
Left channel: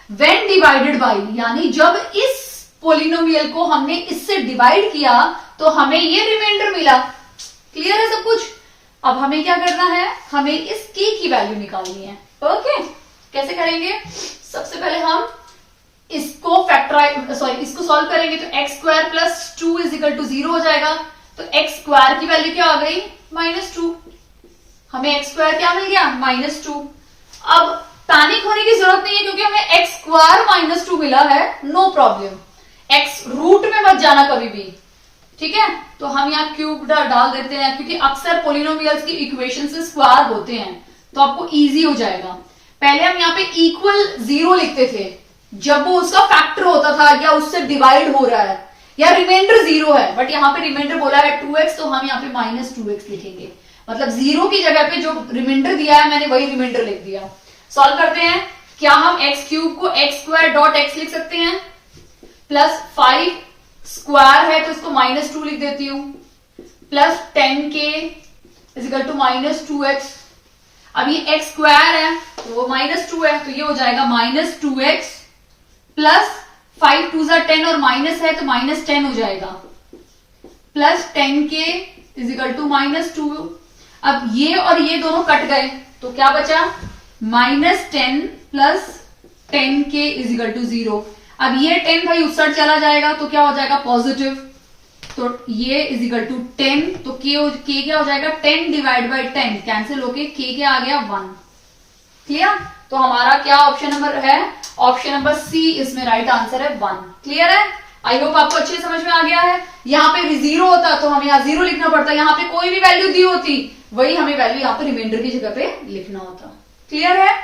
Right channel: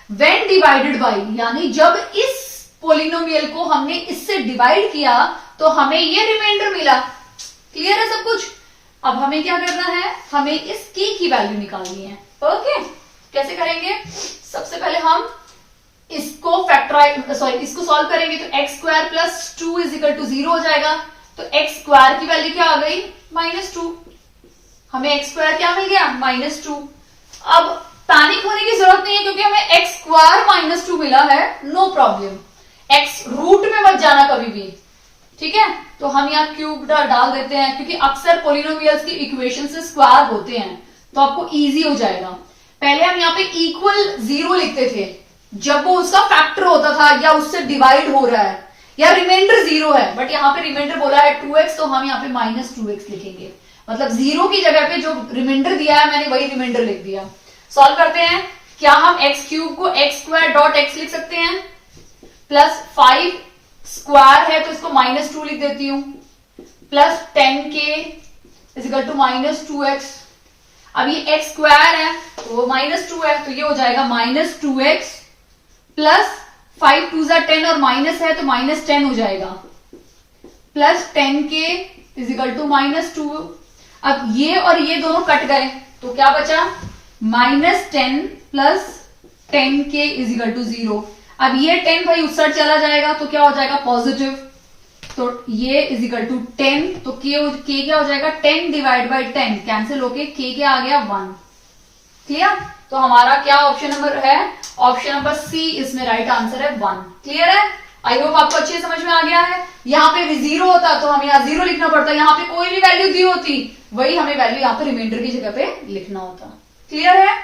व्हेन डिवाइडेड बाय, यानी जब इस पोलिनोमियल को हमने इससे डिवाइड किया तो हमें ये रिमाइंडर मिला। क्लियर है सब कुछ। अब हमें क्या करना है, हमें इस की वैल्यू निकालनी है। ओके, कैसे करेंगे, सबसे पहले हम इसको इसको सॉल्व करेंगे, तो x² + 2 = 0 हो जाएगा। तो x² की वैल्यू क्या आ गई, -2, हमें x² क्या मिल गया, -2। अब पैनिक होने की जरूरत नहीं है, क्योंकि हमें x² -2 मिला है, नो प्रॉब्लम, x रूट में मत जाना कभी भी, ठीक है। तो हम यहाँ क्यूब डाल देते हैं, क्योंकि अक्सर पोलिनोमियल्स की इक्वेशन से स्क्वायर होते हैं, तो आपको इजी हो जाएगा। पहले हम यहाँ पे =0 लिखते थे जब वो उसका फैक्टर होता था या उससे डिवाइड हो रहा है, या रिमाइंडर 0 है, बट यहाँ पे रिमाइंडर बोला है 2x, तो हम यहाँ पे -2x लिखेंगे, मतलब 0 की जगह पे जो रिमाइंडर दिया है मैंने वही रिमाइंडर लिख दिया। सॉल्व करते हैं, क्या हम x³ को x².x लिख सकते हैं, प्लस 5 स्क्वायर है तो इसको -2 लिख देती हूं, प्लस 10k = -2x। अब ये x² है तो वो -2 है, तो ये हो जाएगा -2x प्लस 5 2 10 और माइनस है तो -10 हो जाएगा, प्लस 10k = -2। अब ये और ये दोनों कट गए, तो क्या बचा, -10 प्लस 10k = 0। अब ये 10 भाई उस साइड चला जाएगा, तो क्या हो जाएगा, पॉजिटिव। तो ये इज इक्वल टू 10, तो के क्या हो जाएगा 10 डिवाइड बाई 10 कैंसिल होके के क्या आ गया 1। क्लियर? तो हमारा क्या ऑप्शन नंबर है, ऑप्शन नंबर सी इसमें राइट आंसर है 1। क्लियर है? आई होप आपको अच्छे समझ में आ गया है। यहाँ पे 0 होता तो हमें यहाँ 0 लिखना पड़ता, यहाँ पे कोई भी वैल्यू दी होती वही हमें वैल्यू यहाँ पे रिमाइंडर की जगह पे लिखना होता। क्लियर है?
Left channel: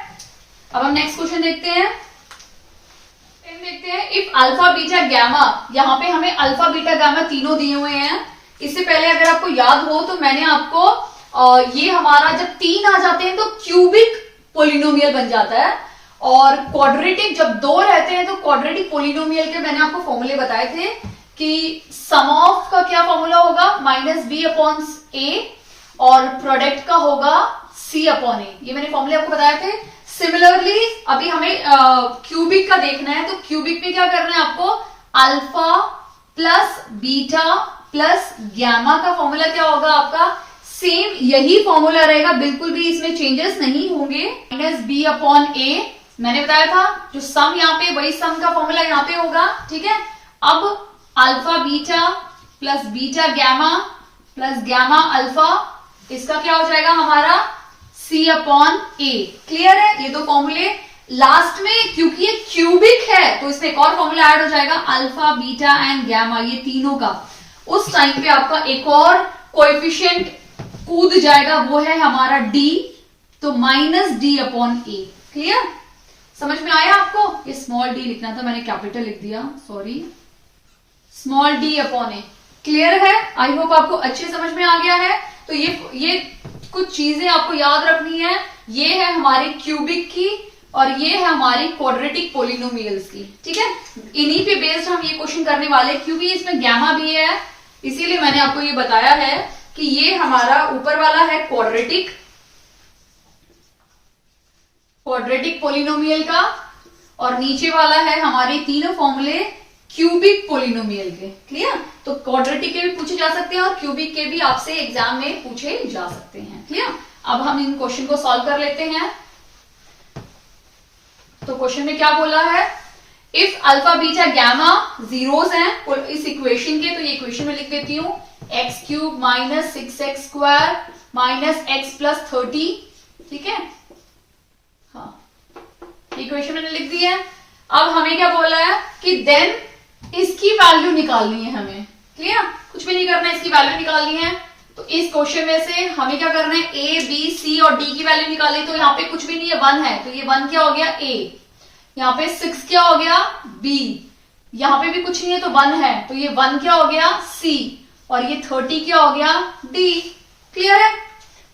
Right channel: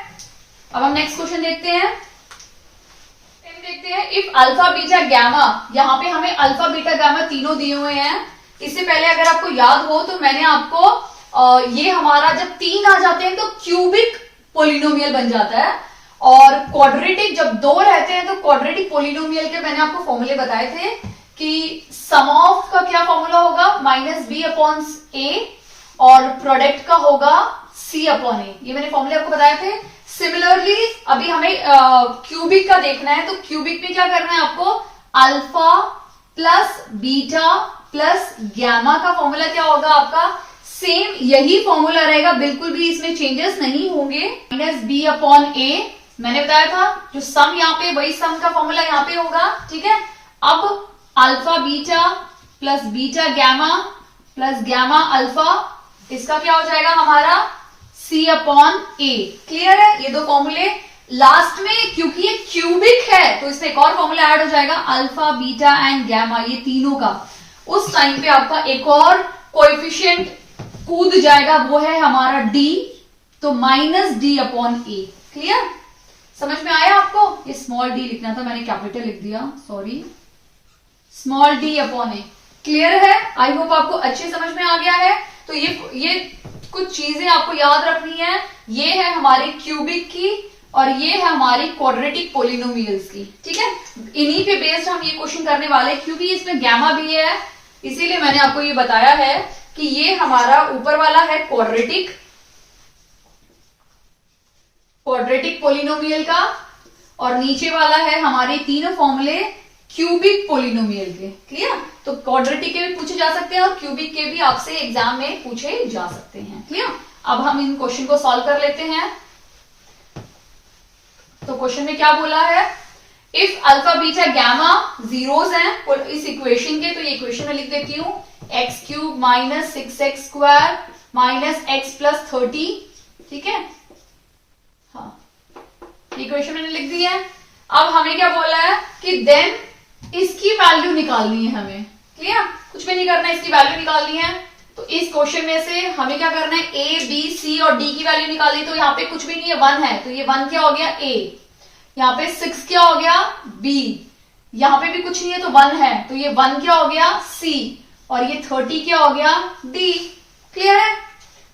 अब हम नेक्स्ट क्वेश्चन देखते हैं। इफ अल्फा बीटा गैमा, यहाँ पे हमें अल्फा बीटा गैमा तीनों दिए हुए हैं। इससे पहले अगर आपको याद हो तो मैंने आपको ये हमारा जब 3 आ जाते हैं तो क्यूबिक पोलिनोमियल बन जाता है, और क्वाड्रेटिक जब 2 रहते हैं तो क्वाड्रेटिक पोलिनोमियल के मैंने आपको फॉर्मूले बताए थे कि सम ऑफ का क्या फॉर्मूला होगा -b/a और प्रोडक्ट का होगा c/a। ये मैंने फॉर्मूले आपको बताए थे। सिमिलरली अभी हमें क्यूबिक का देखना है, तो क्यूबिक में क्या करना है आपको, alpha plus beta plus gamma का फॉर्मूला क्या होगा आपका, सेम यही फॉर्मूला रहेगा, बिल्कुल भी इसमें चेंजेस नहीं होंगे। -b/a मैंने बताया था, जो सम यहाँ पे वही सम का फॉर्मूला यहाँ पे होगा। ठीक है? अब alpha beta plus beta gamma plus gamma alpha, इसका क्या हो जाएगा हमारा c/a। क्लियर है? ये दो फॉर्मूले लास्ट में, क्योंकि ये क्यूबिक है तो इसमें एक और फॉर्मूला ऐड हो जाएगा अल्फा बीटा एंड गैमा, ये तीनों का। उस टाइम पे आपका एक और कोएफिशिएंट कूद जाएगा, वो है हमारा d, तो -d/a। क्लियर? समझ में आया आपको? ये स्मॉल d लिखना था, मैंने कैपिटल लिख दिया, सॉरी, स्मॉल d/a। क्लियर है? आई होप आपको अच्छे समझ में आ गया है। तो ये कुछ चीजें आपको याद रखनी है। ये है हमारी क्यूबिक की और ये है हमारी क्वाड्रेटिक पोलिनोमियल्स की। ठीक है? इन्हीं पे बेस्ड हम ये क्वेश्चन करने वाले, क्योंकि इसमें गैमा भी है, इसीलिए मैंने आपको ये बताया है कि ये हमारा ऊपर वाला है क्वाड्रेटिक पोलिनोमियल का, और नीचे वाला है हमारे तीनों फॉर्मूले क्यूबिक पोलिनोमियल के। क्लियर? तो क्वाड्रेटिक के भी पूछे जा सकते हैं और क्यूबिक के भी आपसे एग्जाम में पूछे जा सकते हैं। क्लियर? अब हम इन क्वेश्चन को सॉल्व कर लेते हैं। तो क्वेश्चन में क्या बोला है, if alpha beta gamma zeros हैं इस इक्वेशन के, तो ये इक्वेशन में लिख देती हूं, x³ - 6x² - x + 30। ठीक है? हाँ, इक्वेशन मैंने लिख दी है। अब हमें क्या बोला है कि देन इसकी वैल्यू निकालनी है हमें। क्लियर? कुछ भी नहीं करना है, इसकी वैल्यू निकालनी है। तो इस क्वेश्चन में से हमें क्या करना है, a, b, c और d की वैल्यू निकाली। तो यहाँ पे कुछ भी नहीं है, 1 है, तो ये 1 क्या हो गया a, यहाँ पे 6 क्या हो गया b, यहाँ पे भी कुछ नहीं है तो 1 है, तो ये 1 क्या हो गया c, और ये 30 क्या हो गया d। क्लियर है?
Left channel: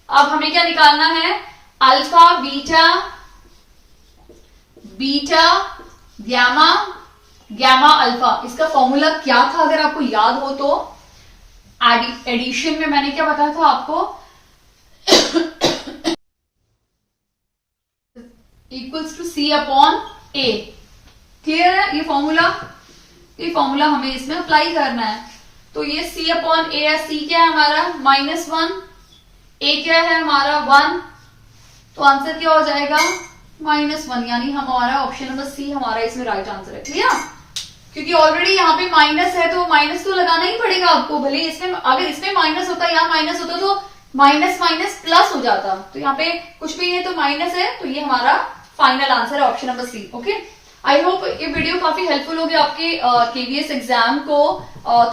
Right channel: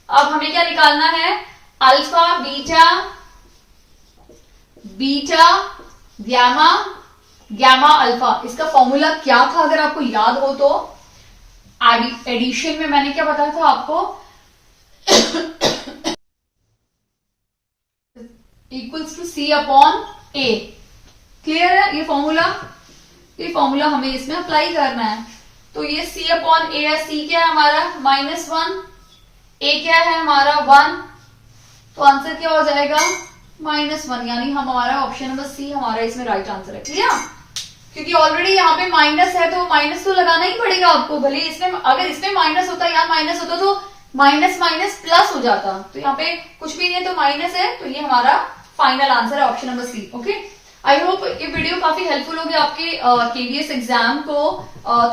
अब हमें क्या निकालना है, अल्फा बीटा गैमा अल्फा। इसका फॉर्मूला क्या था अगर आपको याद हो तो, एडिशन में मैंने क्या बताया था आपको, इक्वल्स टू c/a। क्लियर है? ये फॉर्मूला हमें इसमें अप्लाई करना है। तो ये c/a है, c क्या है हमारा -1, a क्या है हमारा 1, तो आंसर क्या हो जाएगा -1, यानी हमारा ऑप्शन नंबर सी हमारा इसमें राइट आंसर है। क्लियर? क्योंकि ऑलरेडी यहाँ पे माइनस है तो माइनस तो लगाना ही पड़ेगा आपको, भले इसमें, अगर इसमें माइनस होता यहाँ माइनस होता तो माइनस प्लस हो जाता, तो यहाँ पे कुछ भी नहीं है तो माइनस है, तो ये हमारा फाइनल आंसर है option number C. Okay, I hope ये वीडियो काफी हेल्पफुल होगी आपके केवीएस एग्जाम को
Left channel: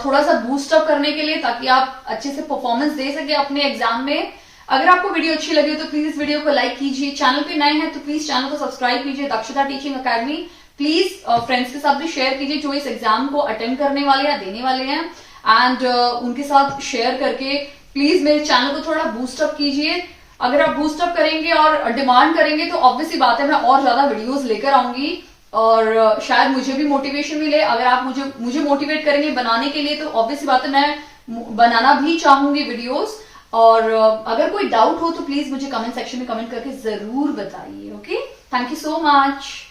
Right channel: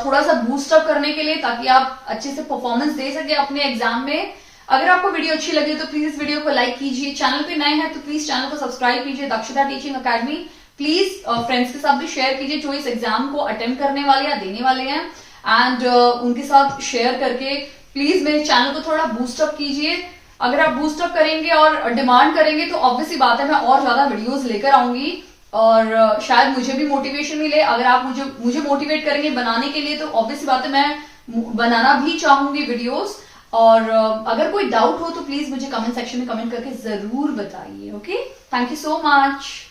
थोड़ा सा बूस्ट अप करने के लिए, ताकि आप अच्छे से परफॉर्मेंस दे सके अपने एग्जाम में। अगर आपको वीडियो अच्छी लगी तो प्लीज इस वीडियो को लाइक कीजिए, चैनल पे नए हैं तो प्लीज चैनल को सब्सक्राइब कीजिए, दक्षता टीचिंग अकेडमी। प्लीज फ्रेंड्स के साथ भी शेयर कीजिए जो इस एग्जाम को अटेम्प्ट करने वाले या देने वाले हैं, एंड उनके साथ शेयर करके प्लीज मेरे चैनल को थोड़ा बूस्ट अप कीजिए। अगर आप बूस्ट अप करेंगे और डिमांड करेंगे तो ऑब्वियसली बात है मैं और ज्यादा वीडियोस लेकर आऊंगी, और शायद मुझे भी मोटिवेशन मिले। अगर आप मुझे मोटिवेट करेंगे बनाने के लिए तो ऑब्वियसली बात है मैं बनाना भी चाहूंगी वीडियोस। और अगर कोई डाउट हो तो प्लीज मुझे कमेंट सेक्शन में कमेंट करके जरूर बताइए। Okay, thank you so much.